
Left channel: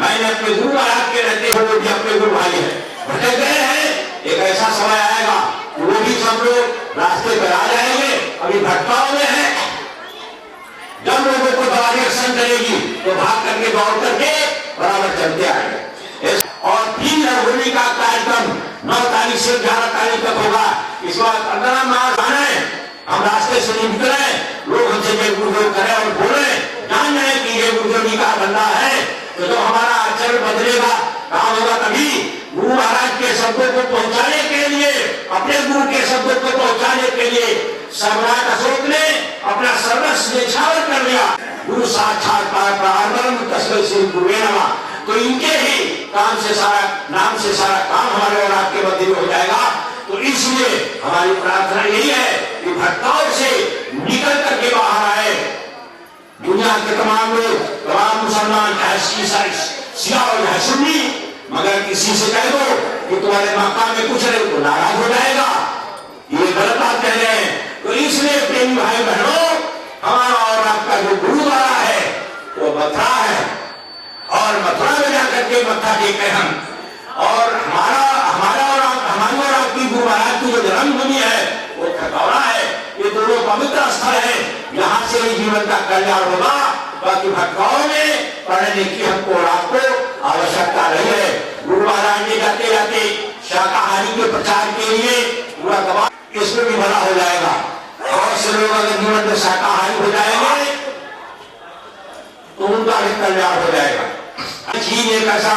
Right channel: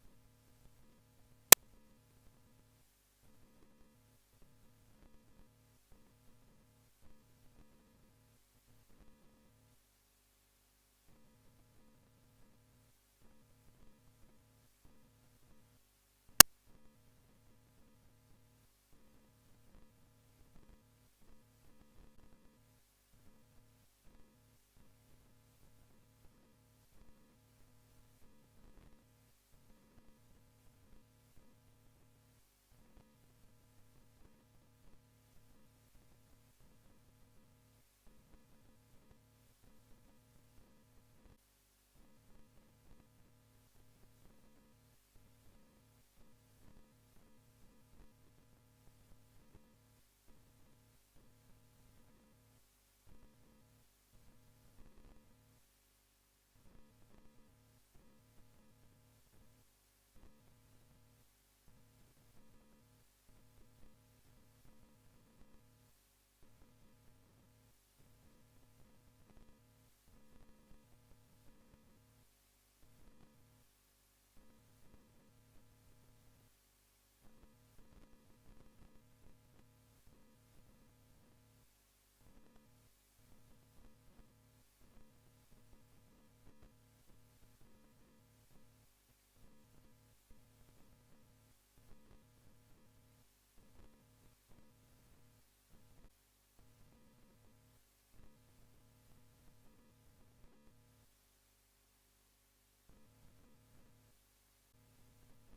मैंने अपने गुरु महाराज के रहते हुए वो भी अपने गुरु भाई है, भटक गए हैं, एक ऐसा समय आएगा वो भी सब लोग रास्ते पर आ जाएंगे। अभी भटकाव में है, जब लोगों को दवाई एक्शन करेगी तो भाग करके दौड़ करके बराबर चलते आएंगे। और 3 जनवरी का कार्यक्रम 9 तारीख से 11 तारीख तक होगा। इस बार 15 मार्च आना है, हम रास्ते से नहीं निकले, लोग हमसे जय गुरुदेव करें और बोले, जान रहे कि ये गुरुदेव जी का बंदा है। तो जब हमारा आचरण बदलेगा, काम होगा, तभी गुरु महाराज के शब्दों को पहुंचाने के लिए, अपने गुरु के शब्दों को पहुंचाने के लिए सम्राट अशोक ने अपना सर्वस्व न्यौछावर कर लिया। गुरु साक्षात परब्रह्म तस्मै श्री गुरुवे नमः। तो इनके ही काम से सारा, नाम से सारा काम हमारे और आपके मध्य में हो जाएगा। तो इसलिए हमारी प्रार्थना यही है कि भटकाव से निकल करके बाहर आए। दुनिया के तमाम लोग, तमाम मुसलमान, चाहे ईसाई, शिया और चाहे सुन्नी, मगर किसी से कह दो कि तुम्हारे मक्का में कुछ नहीं, तो नाराज हो जाएगा। ये गलत बात कह रहे हैं। तो इसलिए प्रेमी भाई बहनों, हमारा और आपका जो गुरुद्वारा है वो मथुरा है और मथुरा में जाकर के मत्था टेके हम। और हमारी और आपकी गुरु महाराज की जो जन्मभूमि है वो खतौरा है। ये दोनों पवित्र स्थल है, यहाँ से ही जीवन का कल्याण होगा। बाकी भटकाव में पढ़ने की हमको और आपको आवश्यकता नहीं है। गुरु महाराज ने जाते जाते शाकाहारी के प्रचार के लिए पूरा दबा, इसमें भी भला हो जाएगा। और से लोग अगर जीवन में शाकाहारी हो जाएंगे तो उनका भी कल्याण हो जाएगा। चीन एक ऐसा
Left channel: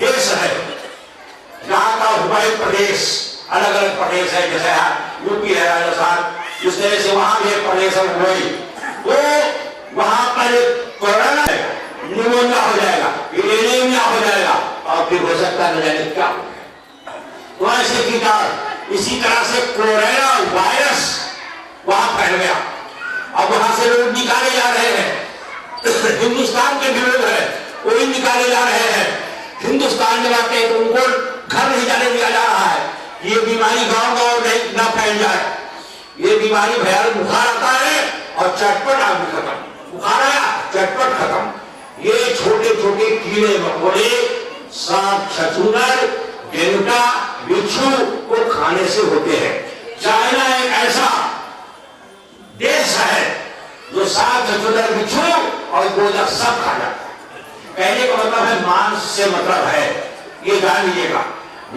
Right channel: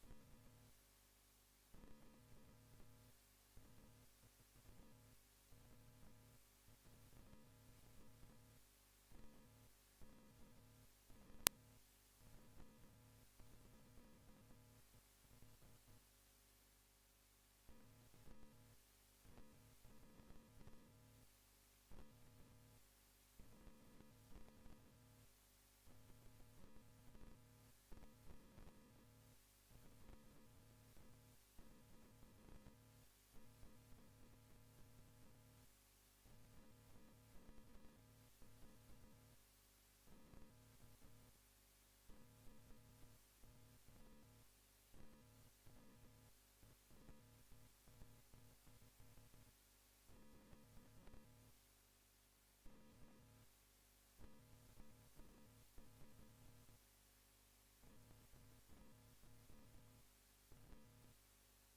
देश है जहाँ का हुबई प्रदेश, अलग अलग प्रदेश है, जैसे यूपी है, राजस्थान, इस तरह से वहां भी एक प्रदेश है हुबई। तो वहां पर कोरोना है, निमोनिया हो जाएगा, एनीमिया हो जाएगा और फिर हो सकता न जाने क्या। तो ऐसे कीटाणु, इसी तरह से कोरोना वायरस वहां फैल गया। अब वहां से लोग निकाले जा रहे हैं। हिंदुस्तान के भी लोग हैं, वो भी निकाले जा रहे हैं। हिंदुस्तान में आते हैं तो उनको घर नहीं जाने दिया जा रहा है। ये बीमारी गांव-गांव नहीं ना फैल जाए। ये बीमारी भयानक बुखार आता है और चटपट आदमी खत्म, बुखार आया चटपट खत्म। ये छोटे छोटे कीड़े मकोड़े, सांप, छछूंदर, डेंगूटा, बिच्छू को खाने से होते हैं। चाइना एक ऐसा देश है जो सांप, छछूंदर, बिच्छू और गोजा सब खा जाता है। कहने का मतलब है मांस से मतलब है, ये जान लीजिएगा।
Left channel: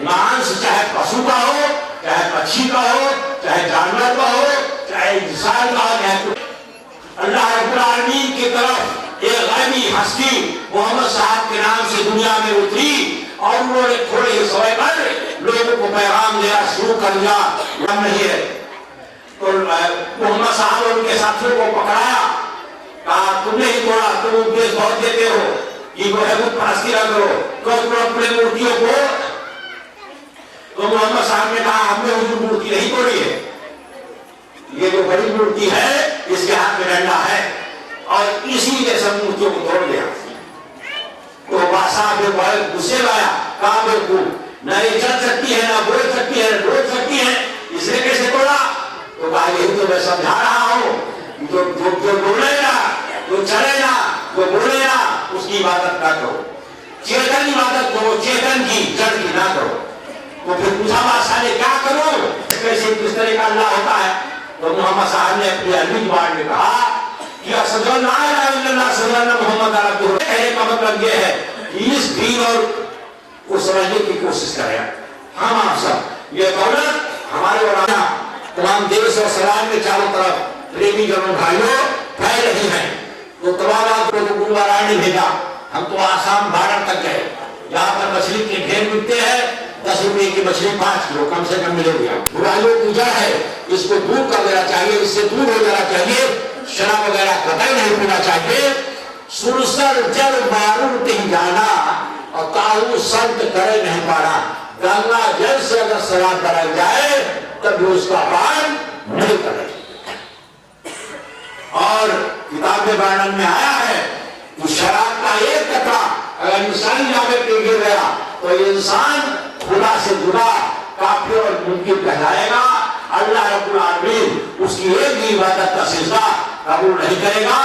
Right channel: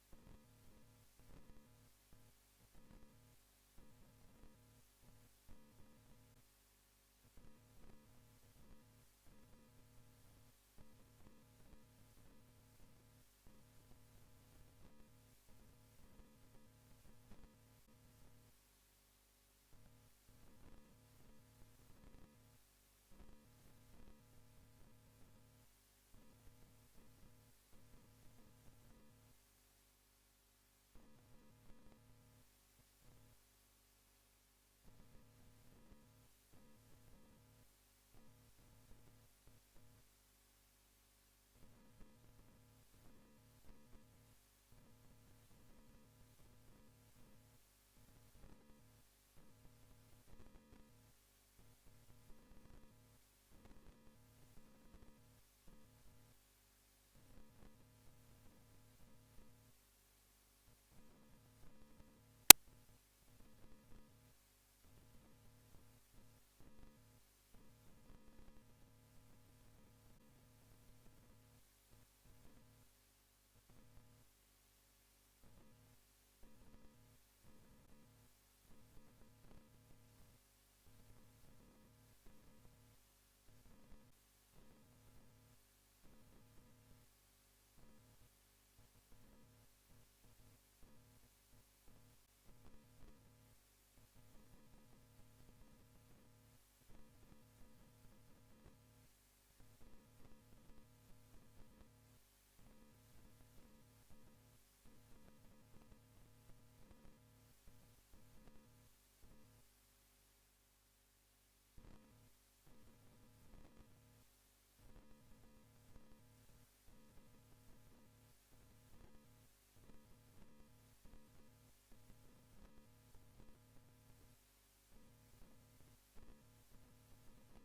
मांस चाहे पशु का हो, चाहे पक्षी का हो, चाहे जानवर का हो, चाहे इंसान का हो, चाहे अल्लाह रब्बुल आलमीन की तरफ एक गैबी हस्ती मोहम्मद साहब के नाम से दुनिया में उतरी और उन्होंने थोड़े ही समय पर लोगों को पैगाम देना शुरू कर दिया। नहीं है तो मोहम्मद साहब और उनके साथियों को पकड़ाया कहा तुमने ही तोड़ा, तुम उपदेश बहुत देते हो कि वो है वो फांसी ना करो, तुम अपने मूर्तियों को, तो मोहम्मद साहब ने कहा हमने हुजूर मूर्ति नहीं तोड़ी है, ये जो बड़ी मूर्ति है इसके हाथ में डंडा है, और इसी ने सब मूर्तियों को तोड़ दिया। तो बादशाह में बहुत गुस्से लाया, कहा बिल्कुल न ये चल सकती है, ना बोल सकती है, ना डोल सकती है, इसने कैसे तोड़ा? तो कहा यही तो मैं समझा रहा हूं, जो बोलेगा, जो चलेगा, जो बोलेगा उसकी इबादत ना करो, चेतन इबादत करो, चेतन की, जड़ की ना करो। तो फिर पूछा बादशाह ने क्या करो, कैसे किस तरह का अल्लाह होता है? तो मोहम्मद साहब ने अपनी अरबी जुबान में कहा कि कहने का मतलब यह है कि इस दीन और को समझने की कोशिश करें हम आप सब। ये दौलत हमारे और तमाम देश और समाज में चारों तरफ प्रेमी जनों भाइयों फैल रही है। तो तमाम आपको तो गुरुवारा ने भेजा, हम तो आसाम बॉर्डर तक गए, यहाँ पर मछली के ढेर मिलते हैं, 10 रुपए की मछली 5 किलो कम से कम मिलेगी। बुराइयों पूजा है, इसको दूर कर देना चाहिए, इससे दूर हो जाना चाहिए, शराब वगैरह कतई नहीं पीना चाहिए। सुरसर जल मारूं तिन जाना और काहू संत करे नहीं पाना। गंगा जल से अगर शराब बनाई जाए तब भी उसका पान नहीं करे। और किताब में वर्णन में आया है कि शराब का एक कतरा अगर इंसानी जामे पे गिर गया तो इंसान खुदा से जुदा काफिर और मुमकिन कहलाएगा। अल्लाह रब्बुल आलमीन उसकी एक भी इबादत का सिजदा कबूल नहीं करेगा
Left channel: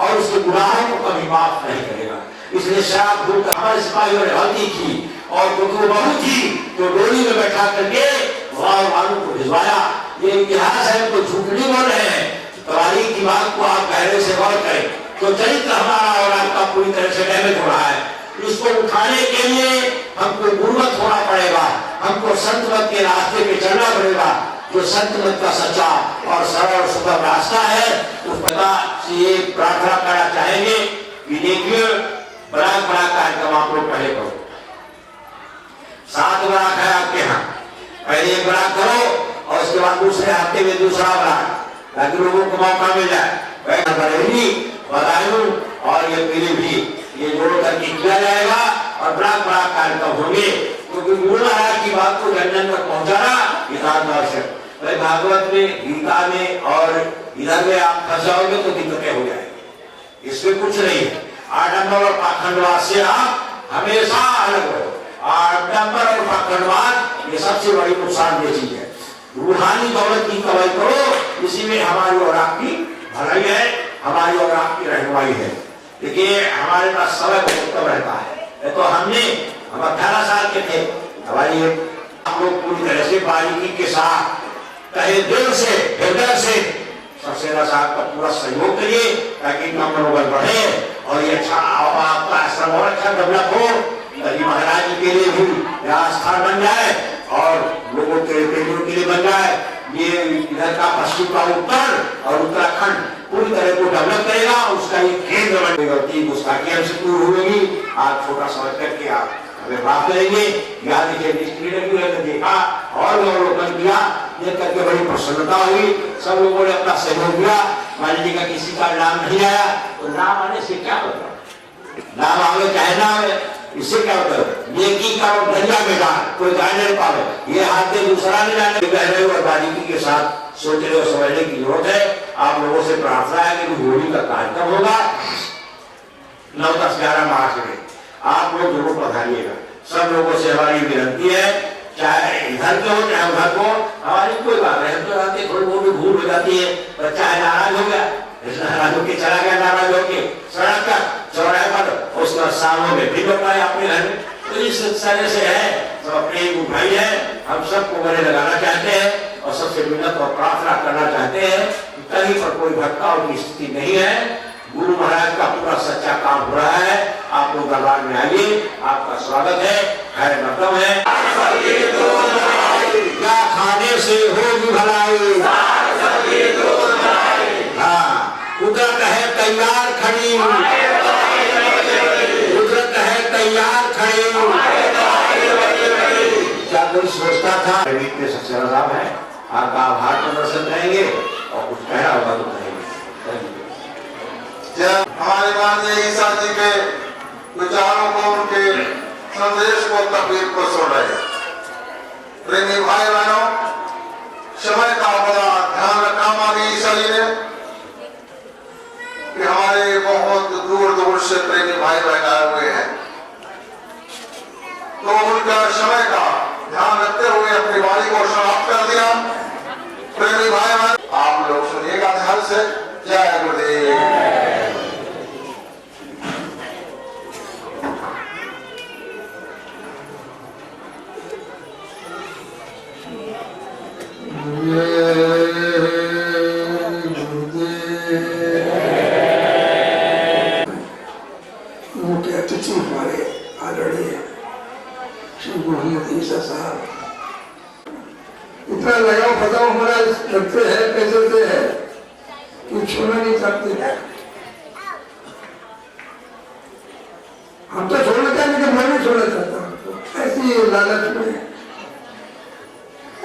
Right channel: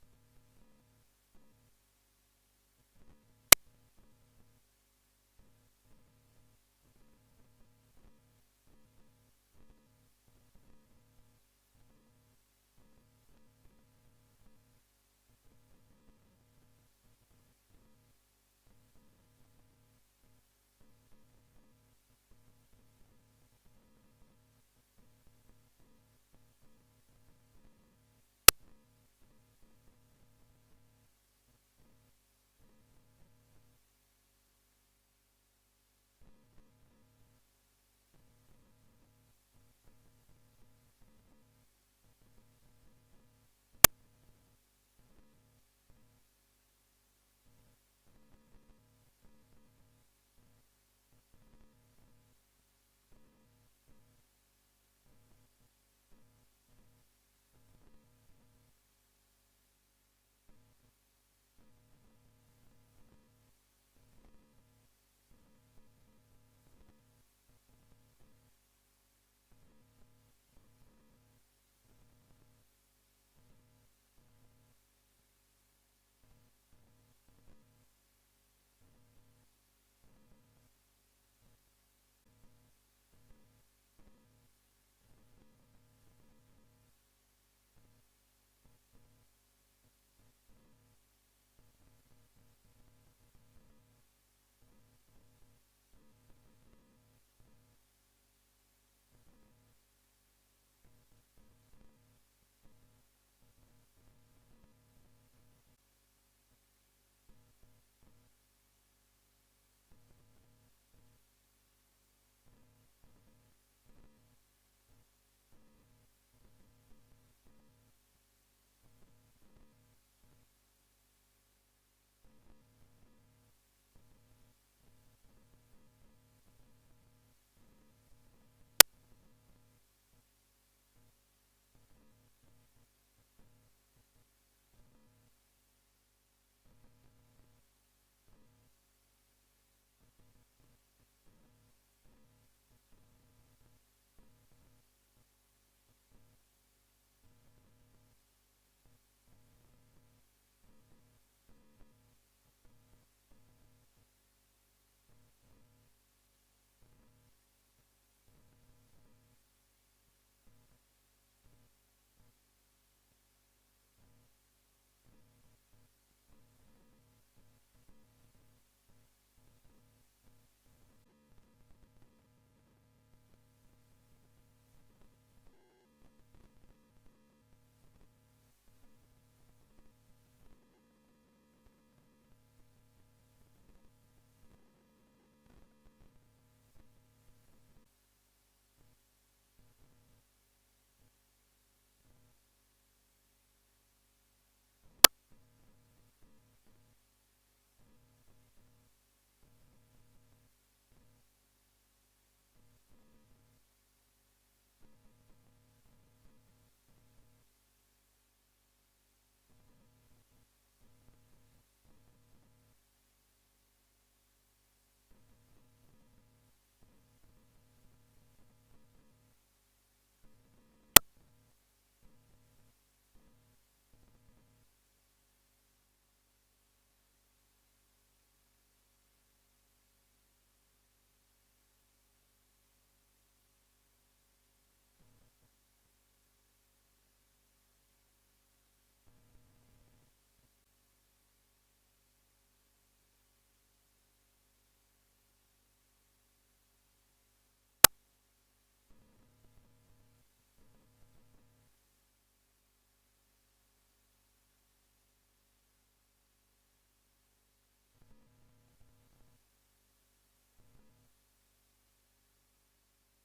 और उसके गुनाहों को कभी माफ नहीं करेगा। इसलिए शराब धूप हमारे सिपाहियों ने गलती की और जो बहू थी तो डोली में बैठा करके वालों को भिजवाया। ये इतिहास है, तो झूठ नहीं बोल रहे हैं। तवारीख की बात को आप गहरे से गौर करें तो चरित्र हमारा और आपका पूरी तरह से डैमेज हो रहा है। इसको उठाने के लिए हमको गुरुमत होना पड़ेगा, हमको संत मत के रास्ते पे चलना पड़ेगा। जो संत मत का सच्चा और सरल सुगम रास्ता है उस पता से ये प्रार्थना करना चाहेंगे कि देखिए बड़ा कार्यक्रम आप लोग पहले करो। 7 बरात है आपके यहाँ, पहले एक बरात करो और उसके बाद दूसरे हफ्ते में दूसरा बरात, ताकि लोगों को मौका मिल जाए। बरेली बदायूं और ये पीलीभीत ये जोड़ करके किया जाएगा और बड़ा कार्यक्रम होंगे, क्योंकि गुरु महाराज की बात को जन जन तक पहुंचाना यथार्थ आवश्यक। भागवत में, गीता में और इधर में आप फंस जाओगे तो दिक्कतें हो जाएगी, इसमें कुछ नहीं है। आडंबर और पाखंडवाद से आप हमेशा अलग रहो। आडंबर और पाखंडवाद ये सबसे बड़ी नुकसानदेह चीज है। रूहानी दौलत की कमाई करो, इसी में हमारी और आपकी भलाई है, हमारी और आपकी रहनुमाई है। देखिए हमारे पास समय बहुत कम रहता है, तो हम 18 साल के थे, हमारी आप लोग पूरी तरह से बारीकी के साथ कहे दिल से हृदय से सक्सेना साहब का पूरा सहयोग करिए ताकि इनका मनोबल बढ़े और ये अच्छा आपका आश्रम और अच्छा डेवलप हो, ताकि महाराज जी के लिए भी यहाँ स्थान बन जाए और लोगों के प्रेमियों के लिए बन जाए। ये इधर का पश्चिम का उत्तर और उत्तराखंड पूरी तरह को डेवलप करेगा, उसका ये केंद्र बन गलती गुस्ताखी हमसे पूरी होगी। आप छोटा समझ करके आप हमें बात करेंगे। यहाँ देखिए देखा और अवलोकन किया, देख करके बड़ी प्रसन्नता हुई, सब लोगों ने अपना सहयोग दिया। मान लीजिए का किसी का नाम नहीं आया तो नाम आने से क्या मतलब, नाम आवे चाहे ना आवे इससे क्या मतलब, नेकी का और दरिया में डाल कोई जान नहीं पावे, ये हाथ से दूसरा नहीं जाने। गहरे और बारीकी के साथ सोचने और समझने की जरूरत है। आप लोगों से प्रार्थना है कि होली का कार्यक्रम होगा 9, 10, 11 मार्च में, आप लोग जरूर पधारिएगा। सब लोगों से हमारी विनती है, चाहे इधर के हो चाहे उधर को, हमारी कोई बात नहीं, तो आते थोड़ी बहुत भी भूल हो जाती है, बच्चा है नाराज हो गया, नाराज होके चला गया, नाराज होके सड़क का चौराहे पर उसका सालों में फिर लौटा है अपने घर में। तो इस तरह से है, सब अपने एक भाई है, हम सबको गले लगाना चाहते हैं और सबसे मिन्नत और प्रार्थना करना चाहते हैं कि कहीं पर कोई भटकाव की स्थिति नहीं है। गुरु महाराज का पूरा सच्चा काम हो रहा है। आप लोग दरबार में आइए, आपका स्वागत है, खैर मकदम है। क्या खाने से होगी भलाई, हाँ कुदरत है तैयार खड़ी, कुदरत है तैयार खड़ी। क्या कोई सोचता था सक्सेना साहब है, आपका आभार प्रदर्शन करेंगे और कुछ कहना होगा तो कहेंगे। जब हमारे माननीय ईसा जी के विचारों को, उनके संदेश को, तकलीफ को सुन रहे हैं। प्रेमी भाई बहनों, समय का बड़ा ध्यान रखा माननीय ईसा जी ने कि हमारे बहुत दूर दूर से प्रेमी भाई बहन आए हुए हैं, तो उनका समय का ध्यान रखते हुए अपनी वाणी को समाप्त कर दिया। प्रेमी भाई बहन, आप लोग सुनिएगा ध्यान से। जय गुरुदेव। मुख्य अतिथि हमारे आदरणीय श्री मोहम्मद ईसा साहब, इतना लगाव बताओ हमारा लगते है कैसे से है कि छोड़ना नहीं चाहते। हम तो छोड़ना चाहते, लेकिन मैं नहीं छोड़ना चाहता। ऐसी लालच में,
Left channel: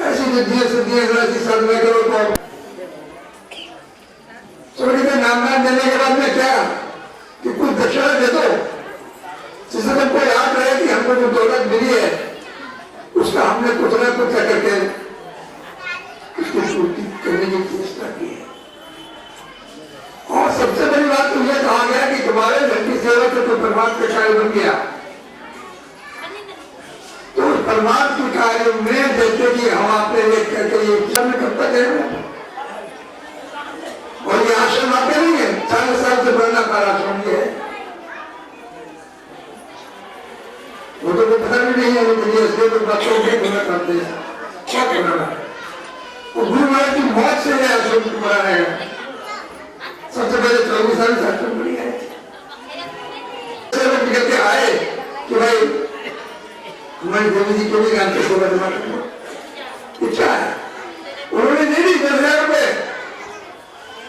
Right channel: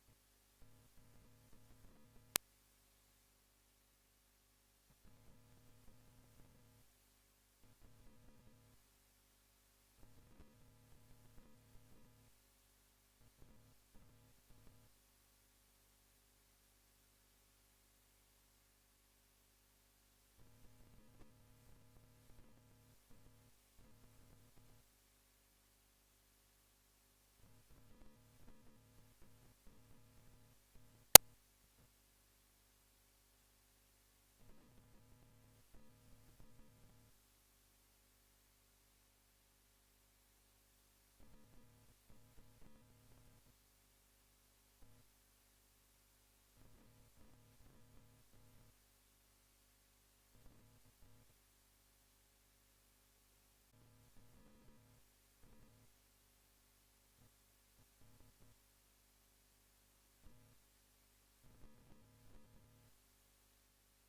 ऐसी जिद्दियों से दिए ऐसी साधना करो तो छोड़ी के नाम देने के बाद में क्या कि कुछ दक्षिणा दे दो, जिससे हमको याद रहे कि हमको जो दौलत मिली है उसका हमने कुछ ना कुछ करके उसकी पूर्ति करने की चेष्टा की है। और सबसे बड़ी बात तो यह कहा गया कि तुम्हारे धन की सेवा से तो परमात्मा का कार्य बन गया, तो उस परमात्मा के कार्य में जैसे कि हम आपने एक करके ये कब तक है, और ये आश्रम आपके नहीं है, 40 साल से बढ़ना पारा आश्रम है, वो तो पता भी नहीं है। वो तो बच्चों के गुना करते हैं, क्या करना है। वो गुरु महाराज की मौत से है आश्रम को बना रहेगा। सबसे पहले 24 साल से आश्रम बनी है, निकल के आए कि भाई हमारी देवी जी को भी जानते सेवा जमा करना इच्छा है। उन्होंने नहीं दी 10,000 रुपए,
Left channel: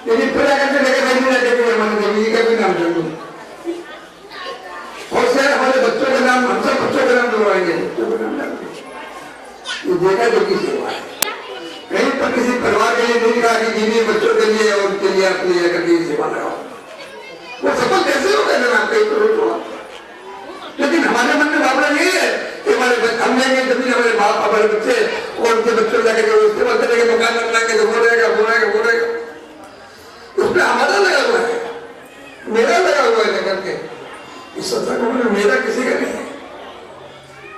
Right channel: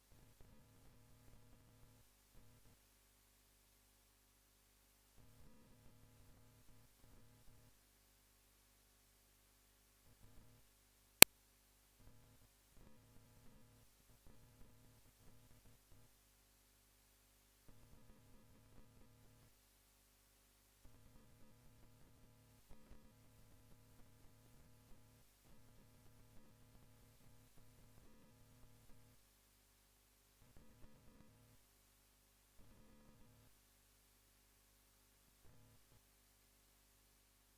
लेकिन फिर आकर के लेकर हमारे देवी जी का भी नाम जरूर, और से हमारे बच्चों के नाम, हम सब बच्चों के नाम जुड़वाएंगे, बच्चों के नाम ये देखा जो की सेवा है। कहीं पर किसी परिवार के लिए नहीं कहा कि दीदी बच्चों के लिए और उनके लिए अपनी करके सेवा लगाओ, वो सफल कैसे हो गए ना कहीं तो। लेकिन हमारे मन में भावना नहीं है कि हमारे हम लेंगे जमीन, हमारे बाप हमारे बच्चे और उनके बच्चों जाकर इस्तेमाल करेंगे, मकान बनाएंगे तो वो रहेगा वो रहेगा वो रहेगा। उसमें हमारा लगा हुआ है, मेरा लगा हुआ है लेकर के इस सत्संग में, मेरा किसी का नहीं है।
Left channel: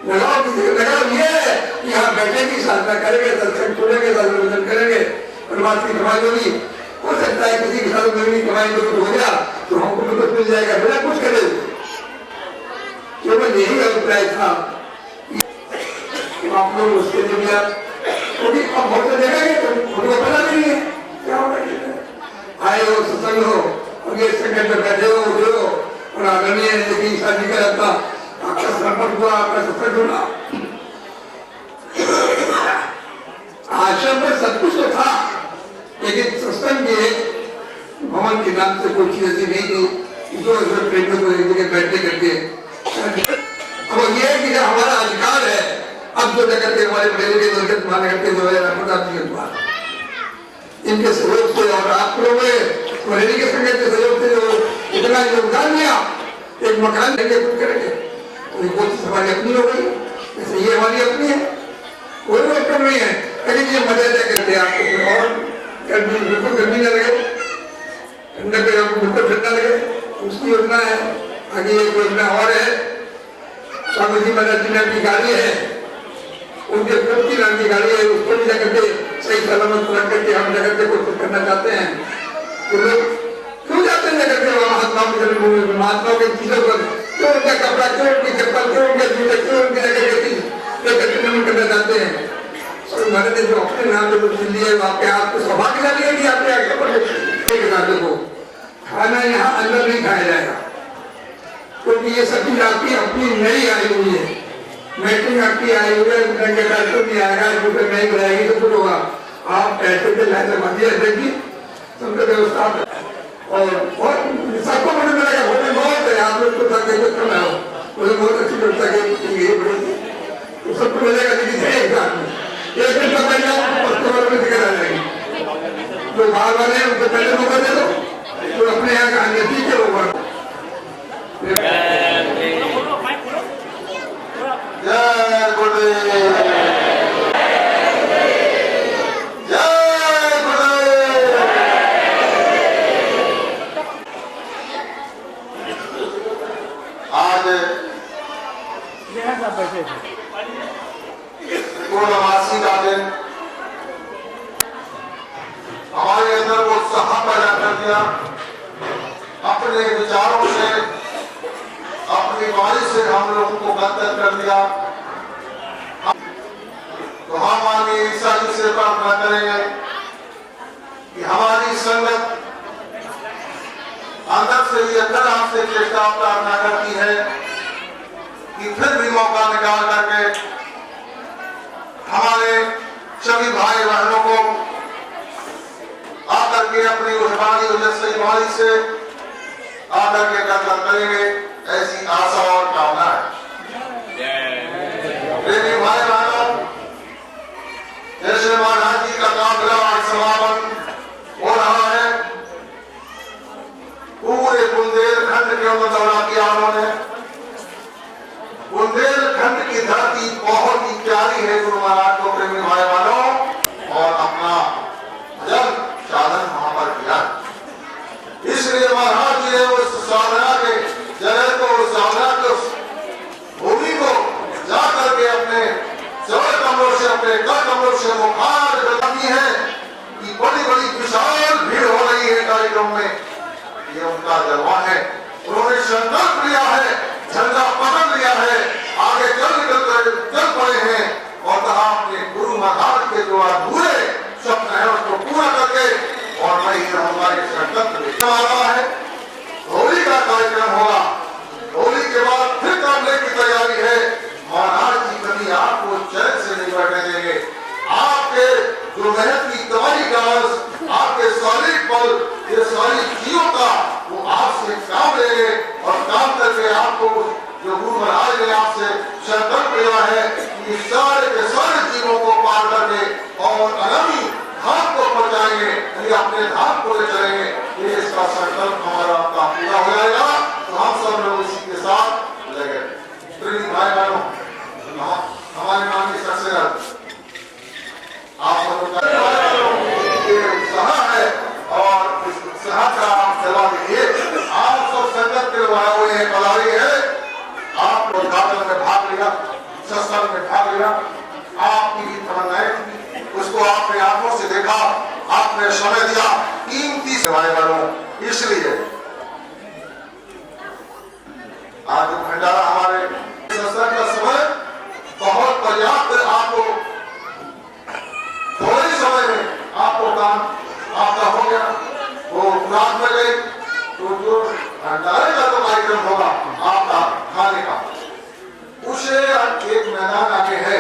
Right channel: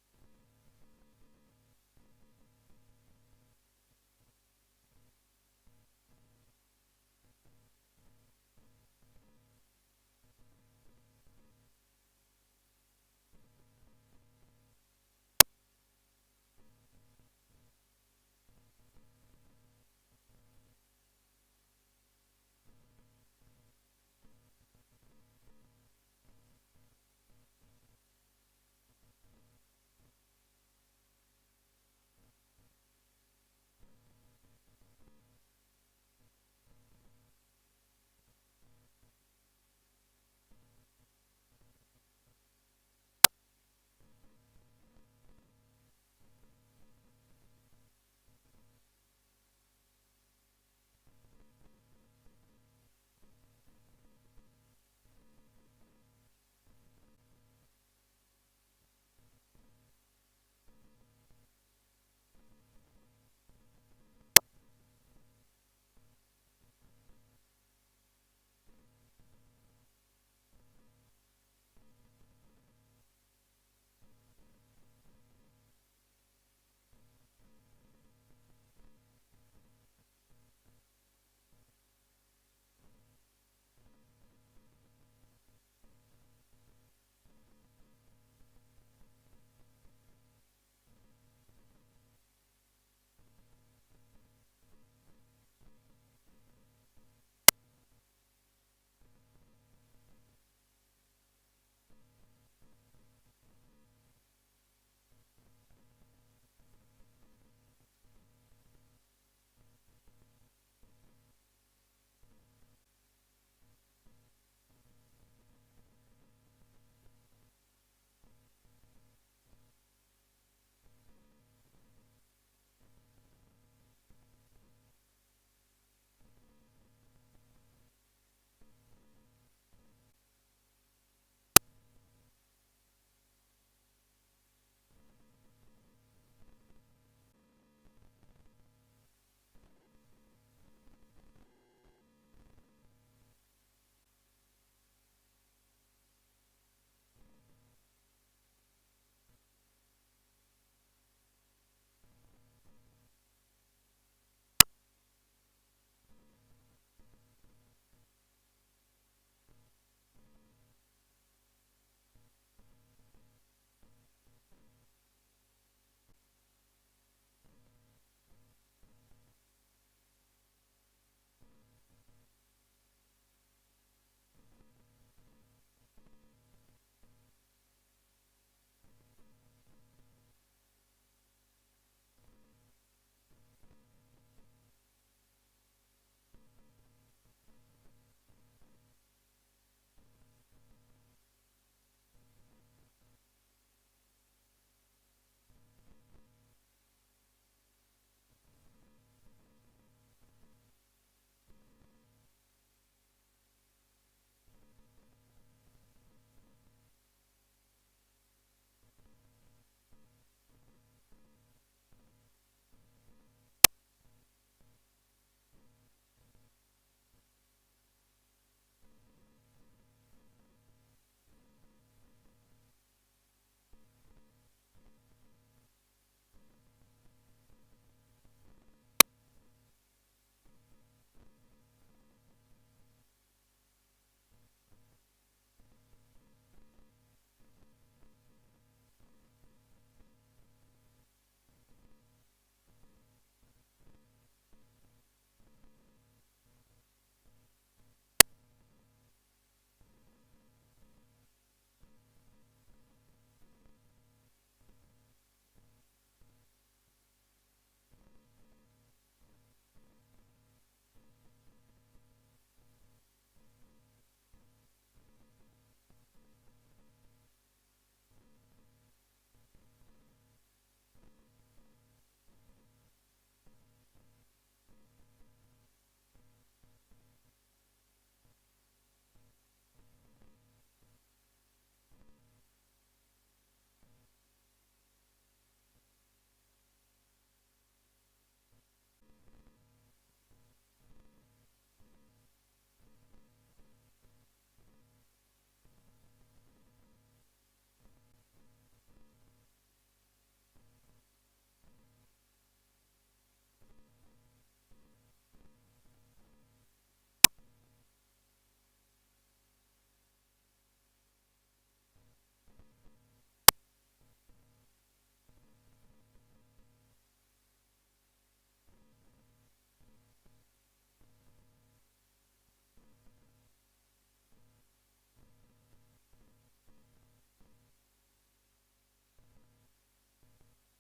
लगाओ किसी का लगाओ ये है कि यहाँ बैठेंगे, साधना करेंगे, सत्संग सुनेंगे, सत्संग करेंगे, परमात्मा की कमाई होगी। हो सकता है किसी के साथ मेरी कमाई को कुछ हो गया तो हमको भी कुछ मिल जाएगा, बिना कुछ करे। केवल यही अभिप्राय था कि आप लोग उसके लिए भी आप, क्योंकि अब बहुत देखेंगे तो उनको पता नहीं है क्या होगा। आए हो सत्संग हो और ये संगठन में बैठे हो उठे हो और आदरणीय की शादी का रहता आपका समर्पण हुआ, आपका सत्संग हुआ। आश्रम में सब कुछ तो था, लेकिन सत्संग के भवन के नाम से कोई चीज ऐसी नहीं थी जो प्रेमियों को एक जगह बैठने करके। अब ये है कि हमारा अधिकार है, अब जो जगह के हमारे बड़े के निर्गत मान करके जो है इनके सहयोग से और आप लोगों ने के संगत के सहयोग से जो इतना योगदान दिया, एक मकान लेंगे कुछ करेंगे तो ये कोशिश हमारी अपनी हो गई, जैसे ये हमारी अपनी है, कोई प्रॉब्लम नहीं है। लेकिन ये मजा करते हैं आपको और गर्मी बिल्कुल गर्मी न लगे, ठंडा पे आपको बिल्कुल ठंडा लगे, उसकी योजना है। आगे एक योजना और है, स्वामी जी महाराज जी ने अपनी गाड़ी है, उनके पुत्र की नाम की गाड़ी है, उसको भी जाकर के सही सलामत रख करके हम जगत को कोशिश करना चाहते हैं। तो लोग क्यों जाते हैं जगत के महात्माओं की जन्मभूमि, महात्माओं के चीजों पर क्यों उनका कपड़ा, क्यों उनकी चप्पल, क्यों उनके जूते, क्यों उनकी जगह के चीज लेकर के नमन करना चाहते हैं। स्वामी महाराज ने जो अपने नाम जो कुछ लिए आपके हाथ को सौभाग्यशाली है कि आपके आगे पर एक नाते को खाना यहाँ अंदर नहीं खाया जाएगा, क्योंकि ये सब चीज आपकी अपनी नई आई हुई है। मैट्रिक आपकी आई हुई है, पैसे नहीं आएगा, रुपये नहीं बनाएगी तो कुछ होगा। आप पैसे के लाइन मध्य देगी सबसे व्यवस्था और सबको मुझे मिलेगा। होने बहुत है, आप लोग तो कम है, मुझे बहुत अच्छी व्यवस्था की सबको मिलेगा। लेकिन एक साथ में एक दिन का पहले कस्टमर में दिक्कत आ जाएगी। जो बाहर वाले हैं उनको पहले मौका दे दो, तो अपने यहाँ का नजदीक बोलो माइक बोलो जय गुरुदेव, जय गुरुदेव। आज पूर्णमासी का दिन हमारे अंदर वो उत्साह पैदा कर दिया, अपने विचारों से, अपनी वाणी से हम लोगों को बंधन कर दिया। तो हम माननीय ईसा जी से प्रार्थना करेंगे कि हमारी संगत अंदर से ये अंदर आपसे चेष्टा प्रार्थना करती है कि फिर भी मौका निकाल करके हमारे सभी भाई बहनों को आकर के अपनी उस वाणी ओजस्वी वाणी से आकर के दर्शन करेंगे, ऐसी आशा और कामना है। प्रेमी भाई बहनों, जैसे महाराज जी का काफिला आज समापन हो रहा है, पूरे बुंदेलखंड के अंदर दौरा किया उन्होंने। बुंदेलखंड की धरती बहुत ही प्यारी है गुरु महाराज को, प्रेमी भाई बहनों, और अपना भजन साधन वहां पर किया। इसलिए महाराज जी ने उस साधना के जगह को, उस साधना के भूमि को जा करके अपने सवर कमरों से, अपने कर कमरों से मुखार करती है कि बड़ी बड़ी विशाल भीड़ हो रही है कार्यक्रम में। ये उनका जलवा है। उन्होंने संकल्प लिया है, झंडा पकड़ लिया है, आगे चल पड़े हैं और कहा अपने गुरु महाराज के जो अधूरे सपने हैं उसको पूरा करके और मैं ही रहूंगा। ये संकल्प लेकर आ रहा है। होली का कार्यक्रम होगा, होली के बाद फिर करने की तैयारी है। महाराज जी कभी आपको चैन से नहीं बैठने देंगे। आपके जो मेहनत की कमाई का अंश, आपके शारीरिक बल, ये सारी चीजों का वो आपसे काम लेंगे और काम करके आपको जो गुरु महाराज ने आपसे संकल्प लिया है कि सारे के सारे जीवों को पार करके और अनमी धाम को पहुंचाएंगे, अपने धाम को ले चलेंगे। ये इसका संकल्प हमारा आपका पूरा हो जाएगा। तो हम सब लोग इसी के साथ लगे। प्रिय भाई बहनों, हमारे माननीय सदस्य आप सब ये उत्साह है और इस उत्साह का आप जला दीजिए। आप सब संगत के लोग हुए हैं, पधारी है। आप उद्घाटन में भाग लिया, सत्संग में भाग लिया, आपकी भी तमन्नाएं थी, उसको आपने आंखों से देखा, आपने समय दिया, कीमती सेवाएं करो। इसलिए आज भंडारा हमारे सत्संग का समय बहुत पर्याप्त, आपको थोड़े समय में आपको काम आपका हो गया। वो रात में गई तो जो भंडारे का तो कार्यक्रम होगा आपका खाने का, उसे एक मैदान आगे है,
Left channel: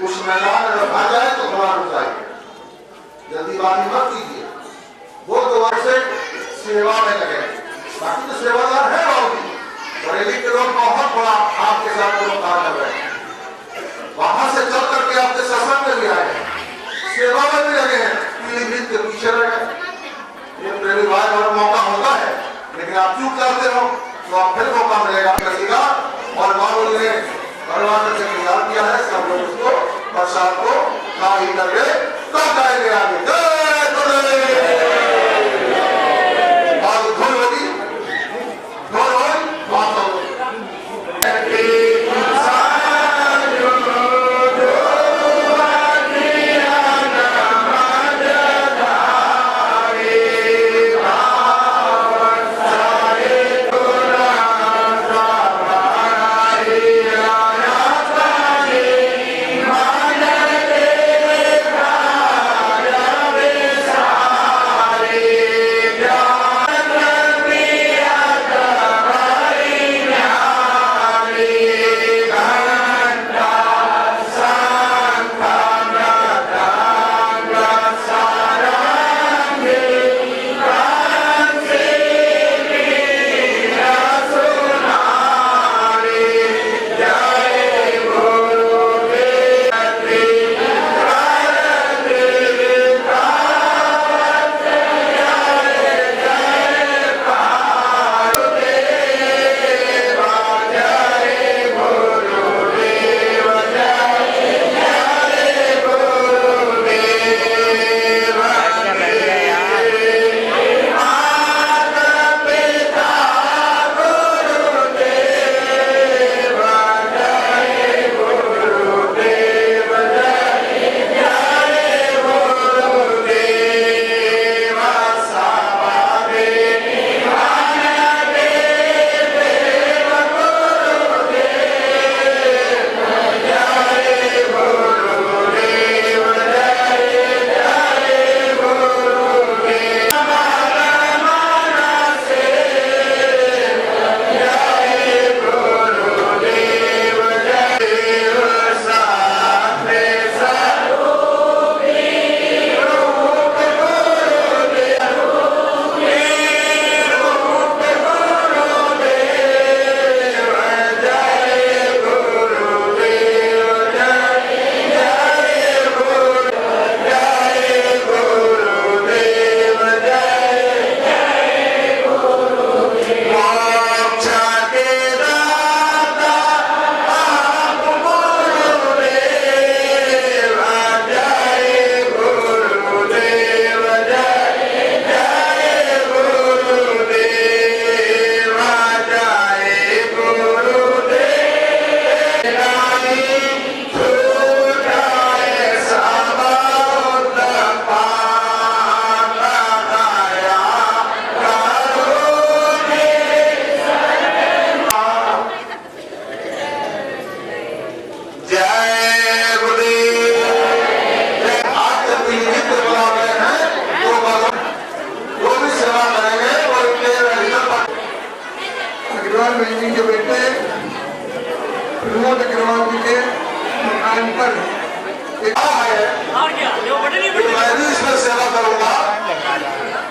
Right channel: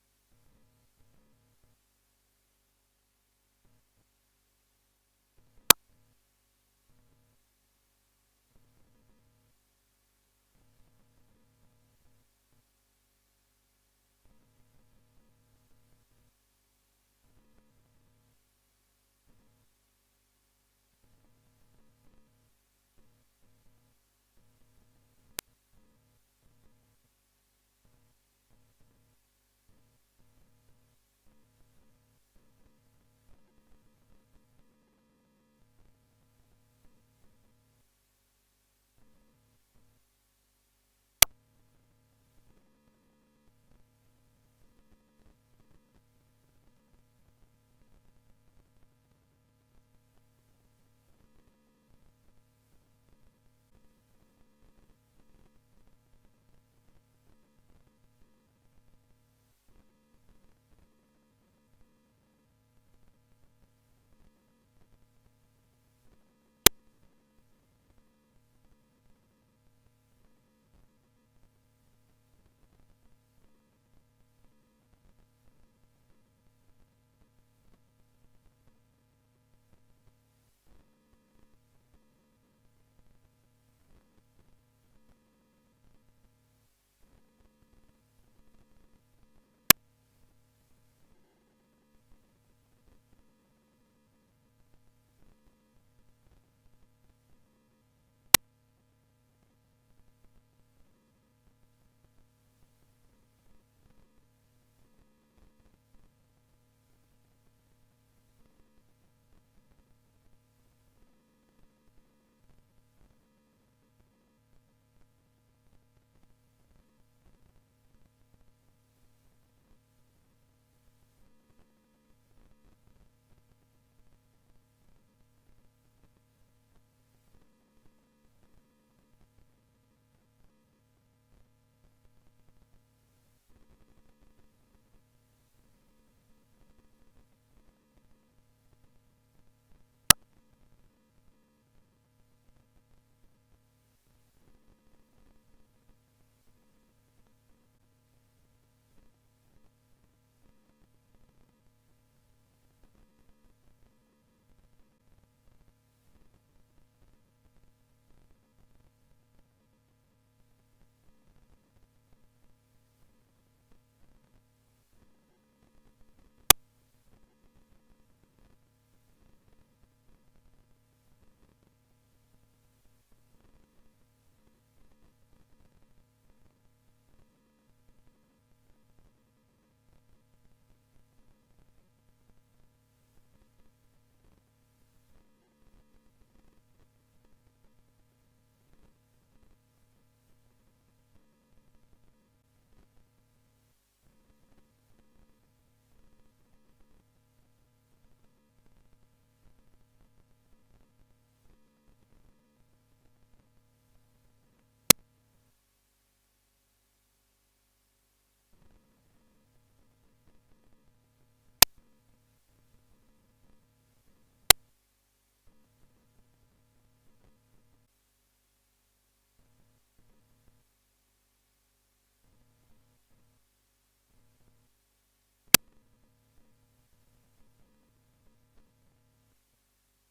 उस मैदान में रखा जाए तो थोड़ा रुक जाएगा, जल्दीबाजी मत कीजिए। वो तो वैसे सेवा में लगे, बाकी तो सेवादार है बाबूजी। बरेली के लोग बहुत बड़ा आपके साथ लोग कार्य कर रहे हैं, वहां से चल करके आपके सत्संग में भी आए, सेवा में भी लगे हैं, पीढ़ी के पीछे रह गए। ये प्रेमी भाई बहन मौका होता है, लेकिन आप चूक जाते हो तो आप फिर मौका मिलेगा करिएगा। और बाबूजी ने भगवान से तैयार किया है, सब लोग उसको प्रसाद को खा ही करके कब जाएंगे आगे। जय गुरुदेव। आज धुन होगी, धुन हो बात हो। विनोद अग्रवाल जी के मकान पर और क्या जो बटन ही बटन मैं भी इसमें सेवा करूंगा,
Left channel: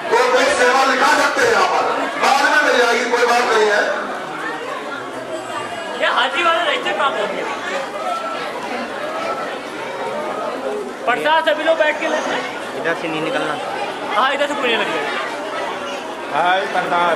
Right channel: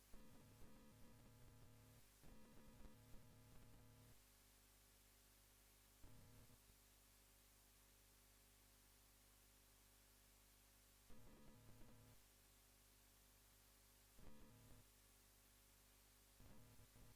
तो कोई सेवा लिखा सकते हैं यहाँ पर, बाद में मिल जाएगी, कोई बात नहीं है। ये हाथी वाला रजिस्टर प्राप्त हो गया। प्रसाद सभी लोग बैठ के लेते हैं। इधर से नहीं निकलना। हाँ इधर से कोई नहीं लगेगा। हाय सरदार।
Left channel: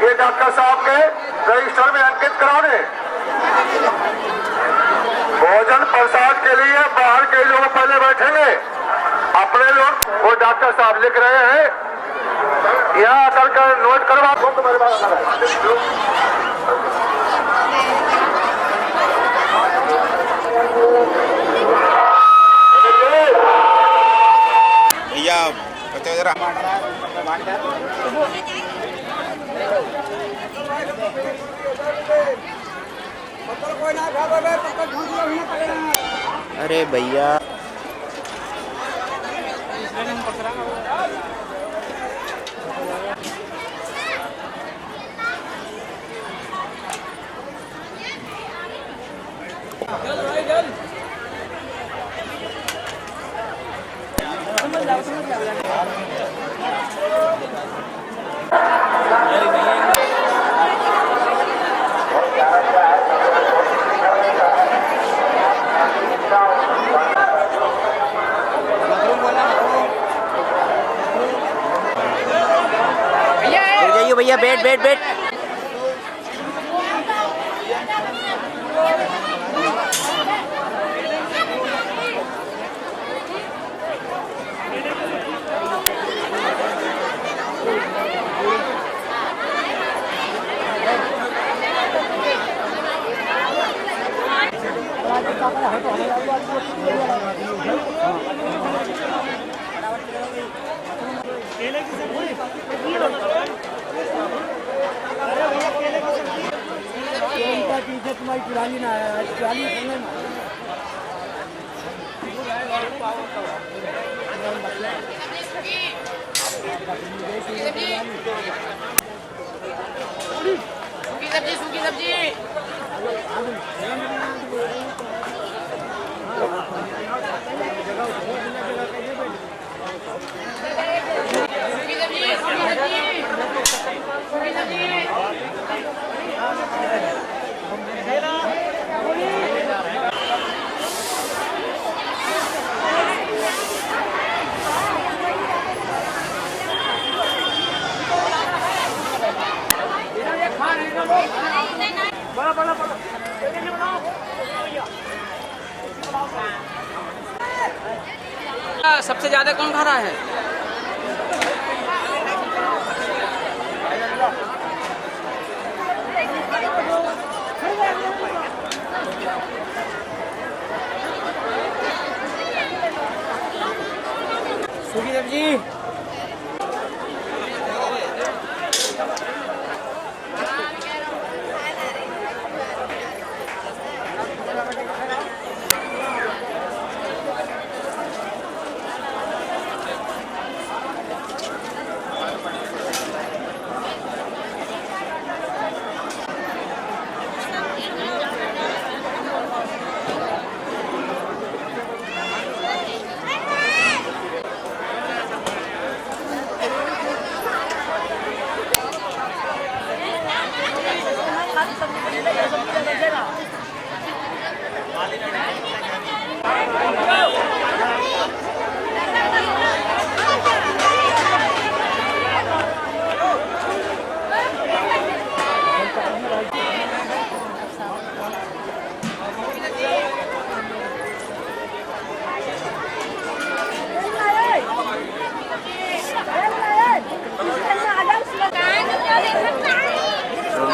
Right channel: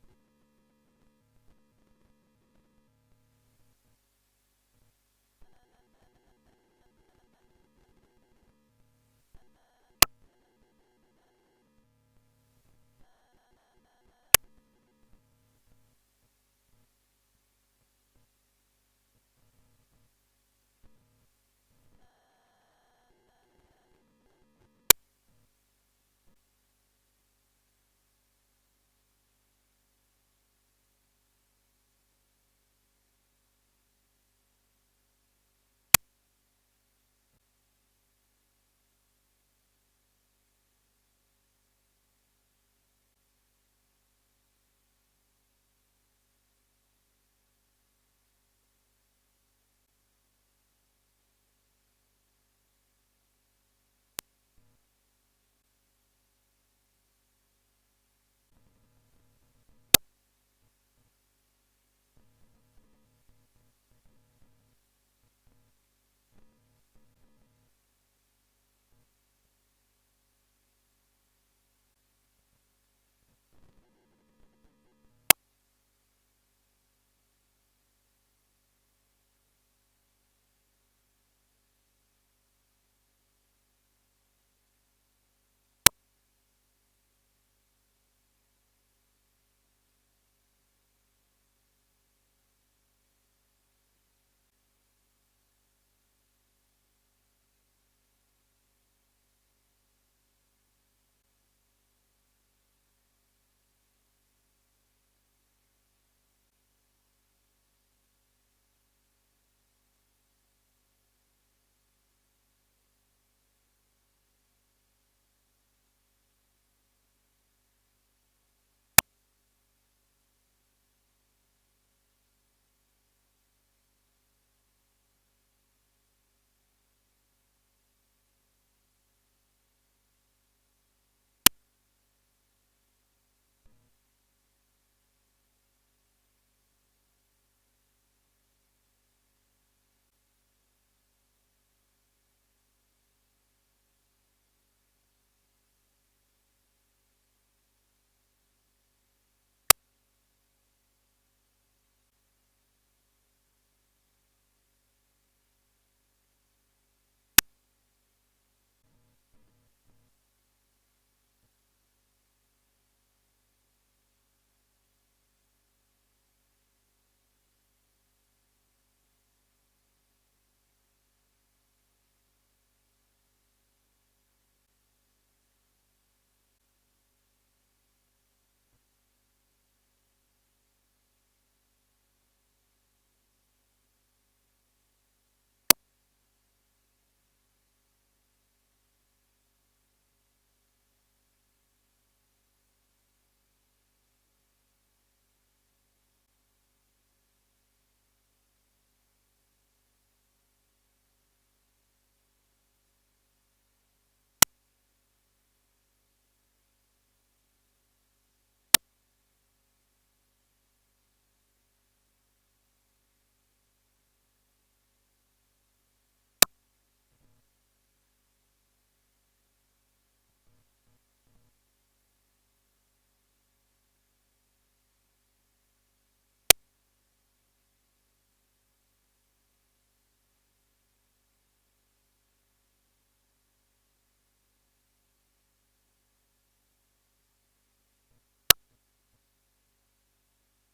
ये डॉक्टर साहब के रजिस्टर में अंकित करा दें। भोजन प्रसाद के लिए बाहर के लोग पहले बैठेंगे, अपने लोग वो डॉक्टर साहब लिख रहे हैं, यहाँ आकर कर नोट करवा दो। तुम्हारे पास भैया बच्चे जरा अरे भैया भैया बैठ बैठ बैठ। तुम्हारी पुरानी ना पुरानी सूखी सब्जी सबसे ज्यादा कौन खा रहा है? सूखी सब्जी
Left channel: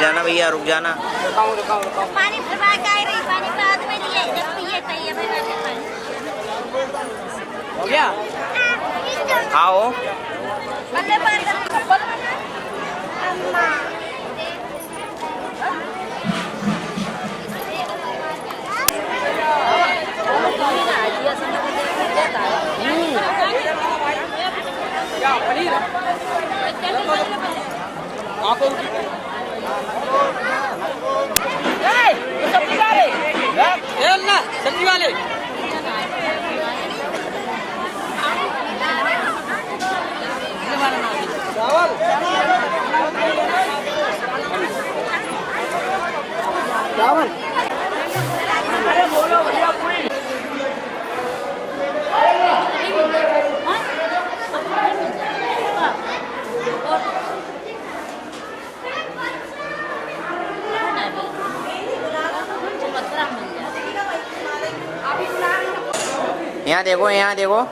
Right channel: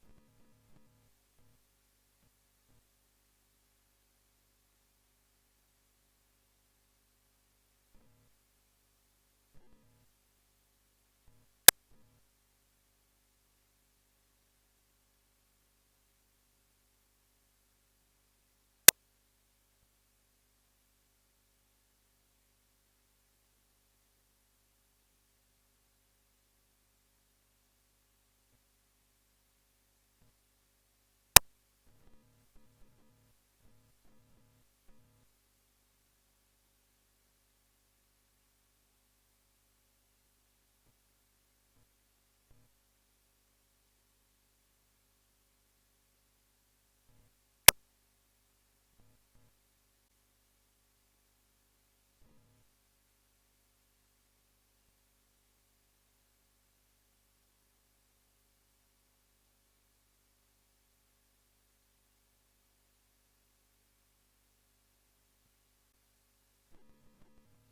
जाना भैया, रुक जाना। पानी भरवा के आई रही, पानी बाद में लिए जब पिए तैये भरवा के पानी हो गया। आओ अल्ले बात अम्मा सब्जी वाले चावल अरे बोलो भैया पूरी यहाँ देखो, यहाँ देखो।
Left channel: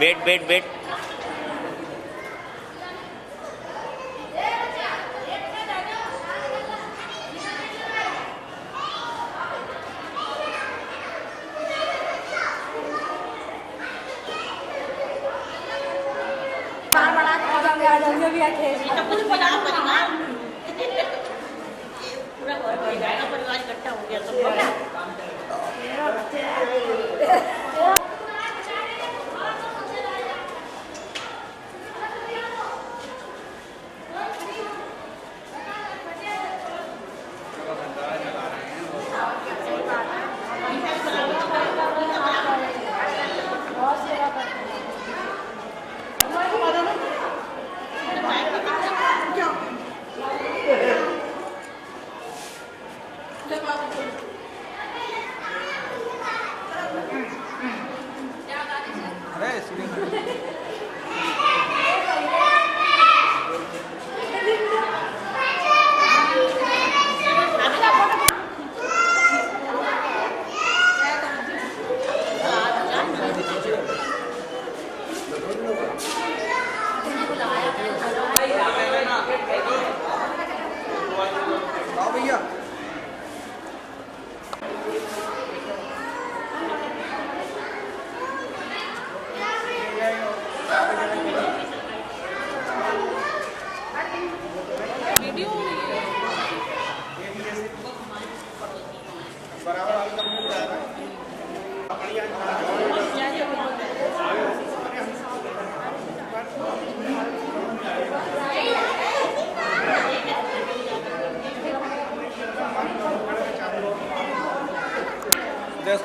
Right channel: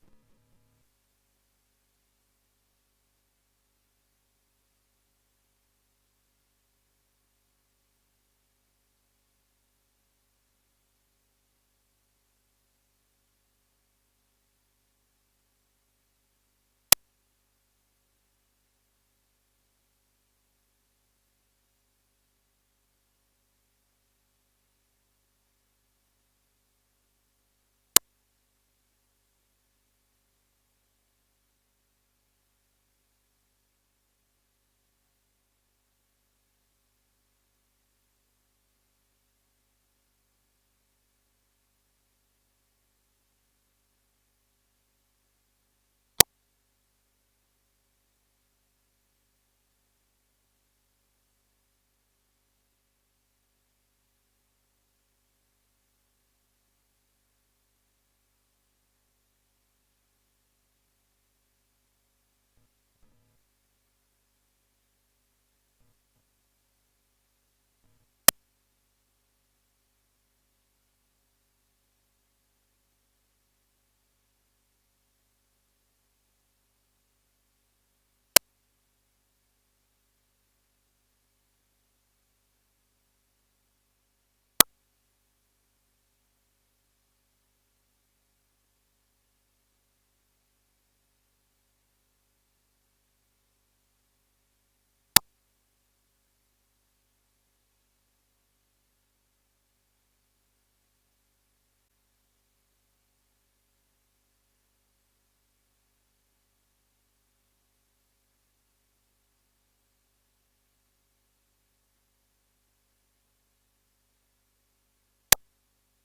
बैठ बैठ बैठ। पूरा परिवार इकट्ठा हो गया सब।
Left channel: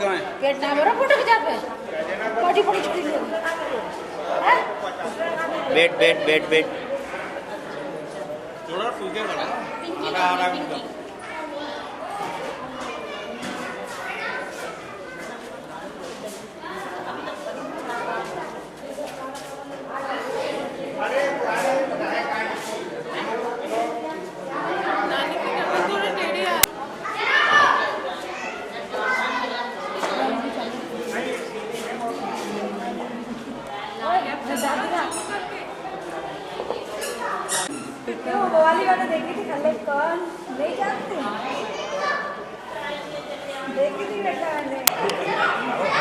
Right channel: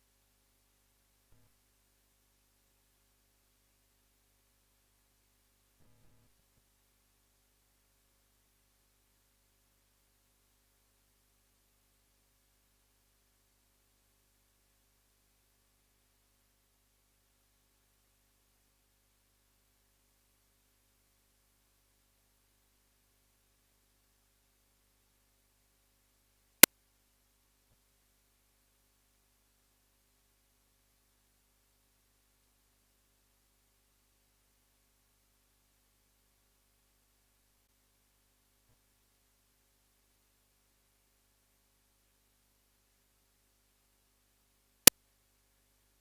तो है पेट ना भरो फोटो खिंचा पे बॉडी बड़ी छोटी लोग हैं बैठ बैठ बैठ बैठ थोड़ा फूके बड़ा पिंकी पिंकी वो वाली वाला देखी थी खल्ले कौन नहीं जानते देखी थी बेटा मैंने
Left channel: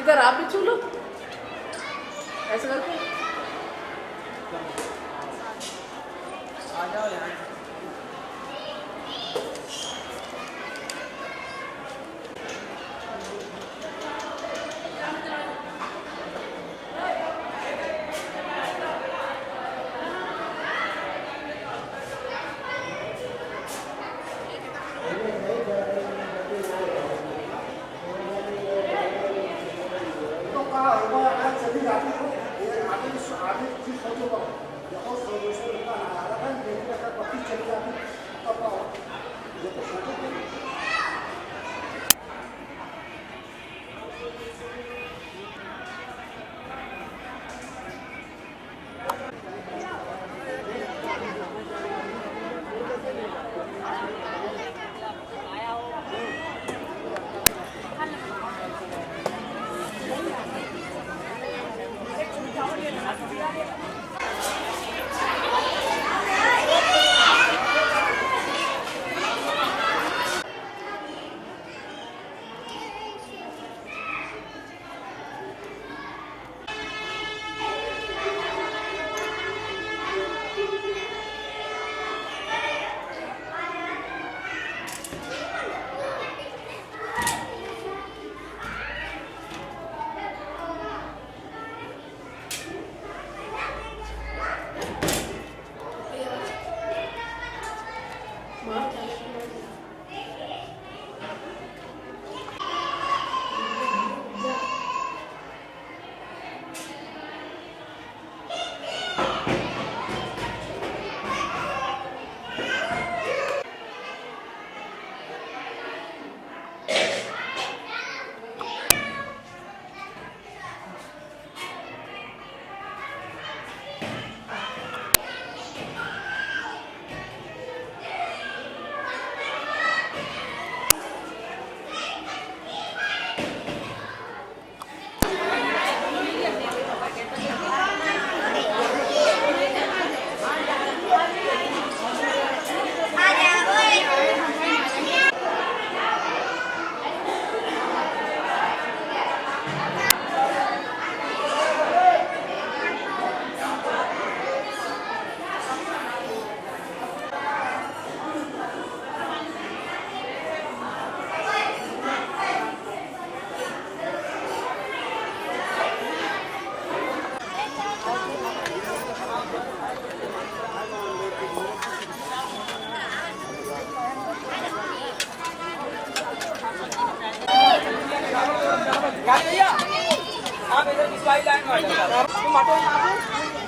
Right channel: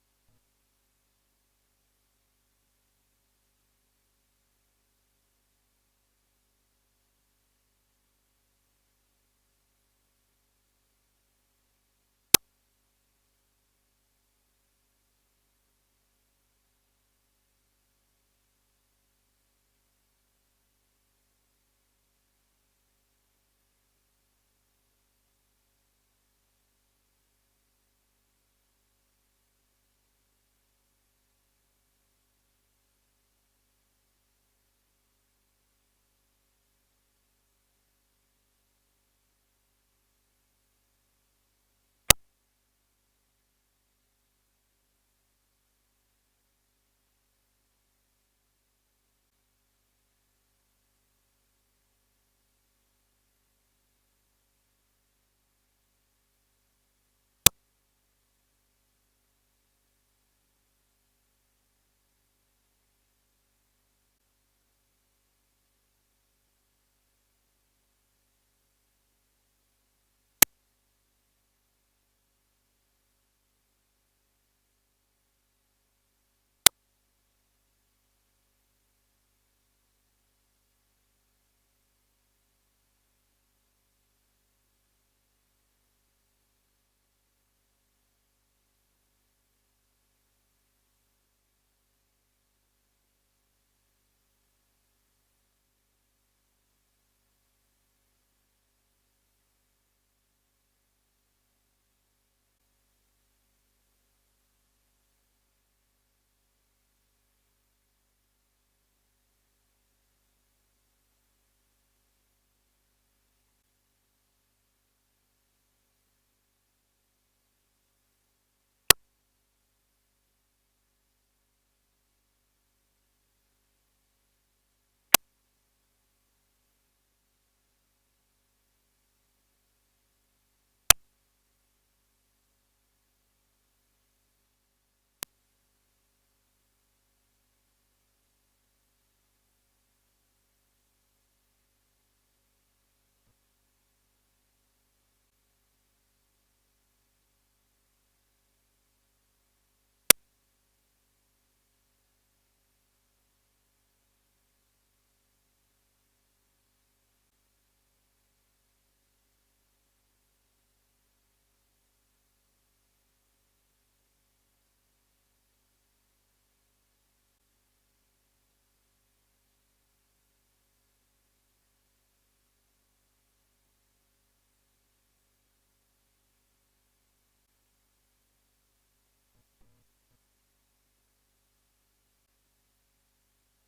इधर आप भी छू लो ऐसे करके आ जाओ यहाँ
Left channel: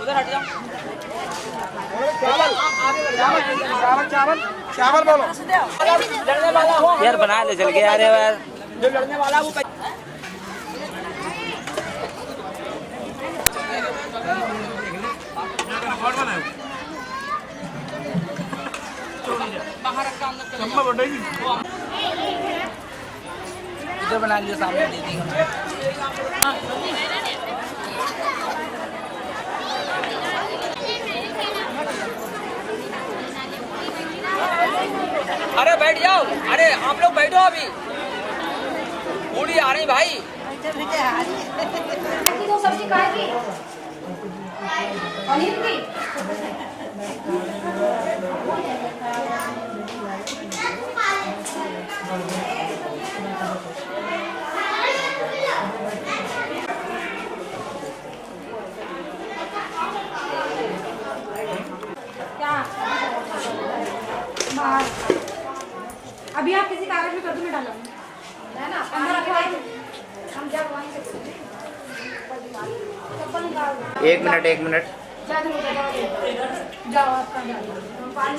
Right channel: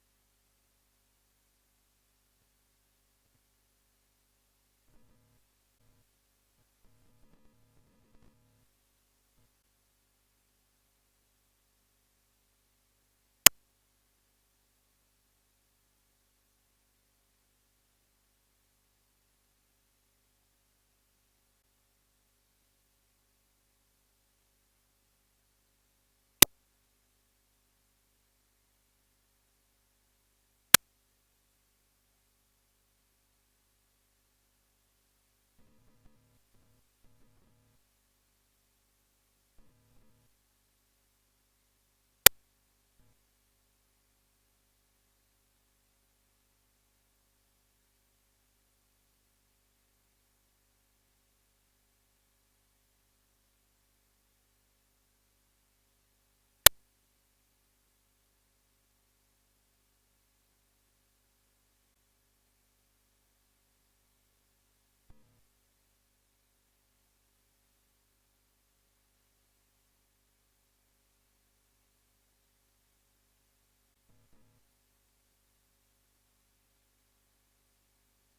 उधर हट जाओ। चावल बोलो लड़ने वाला हो यार बना ले चल के यार यार जो लड़ने वाला वो इधर बना लियो, सामने दे दी। अरे बैठ जाओ, अरे आप लोग बैठो अभी, बूढ़ी आ रही भाई। दो सब्जी खाएगी पनीर की। अभी आप किसी कागज में कद्दू में डालो है ना, अंदर आके हम जब वहीं से एक मिनट जाओ आपका पानी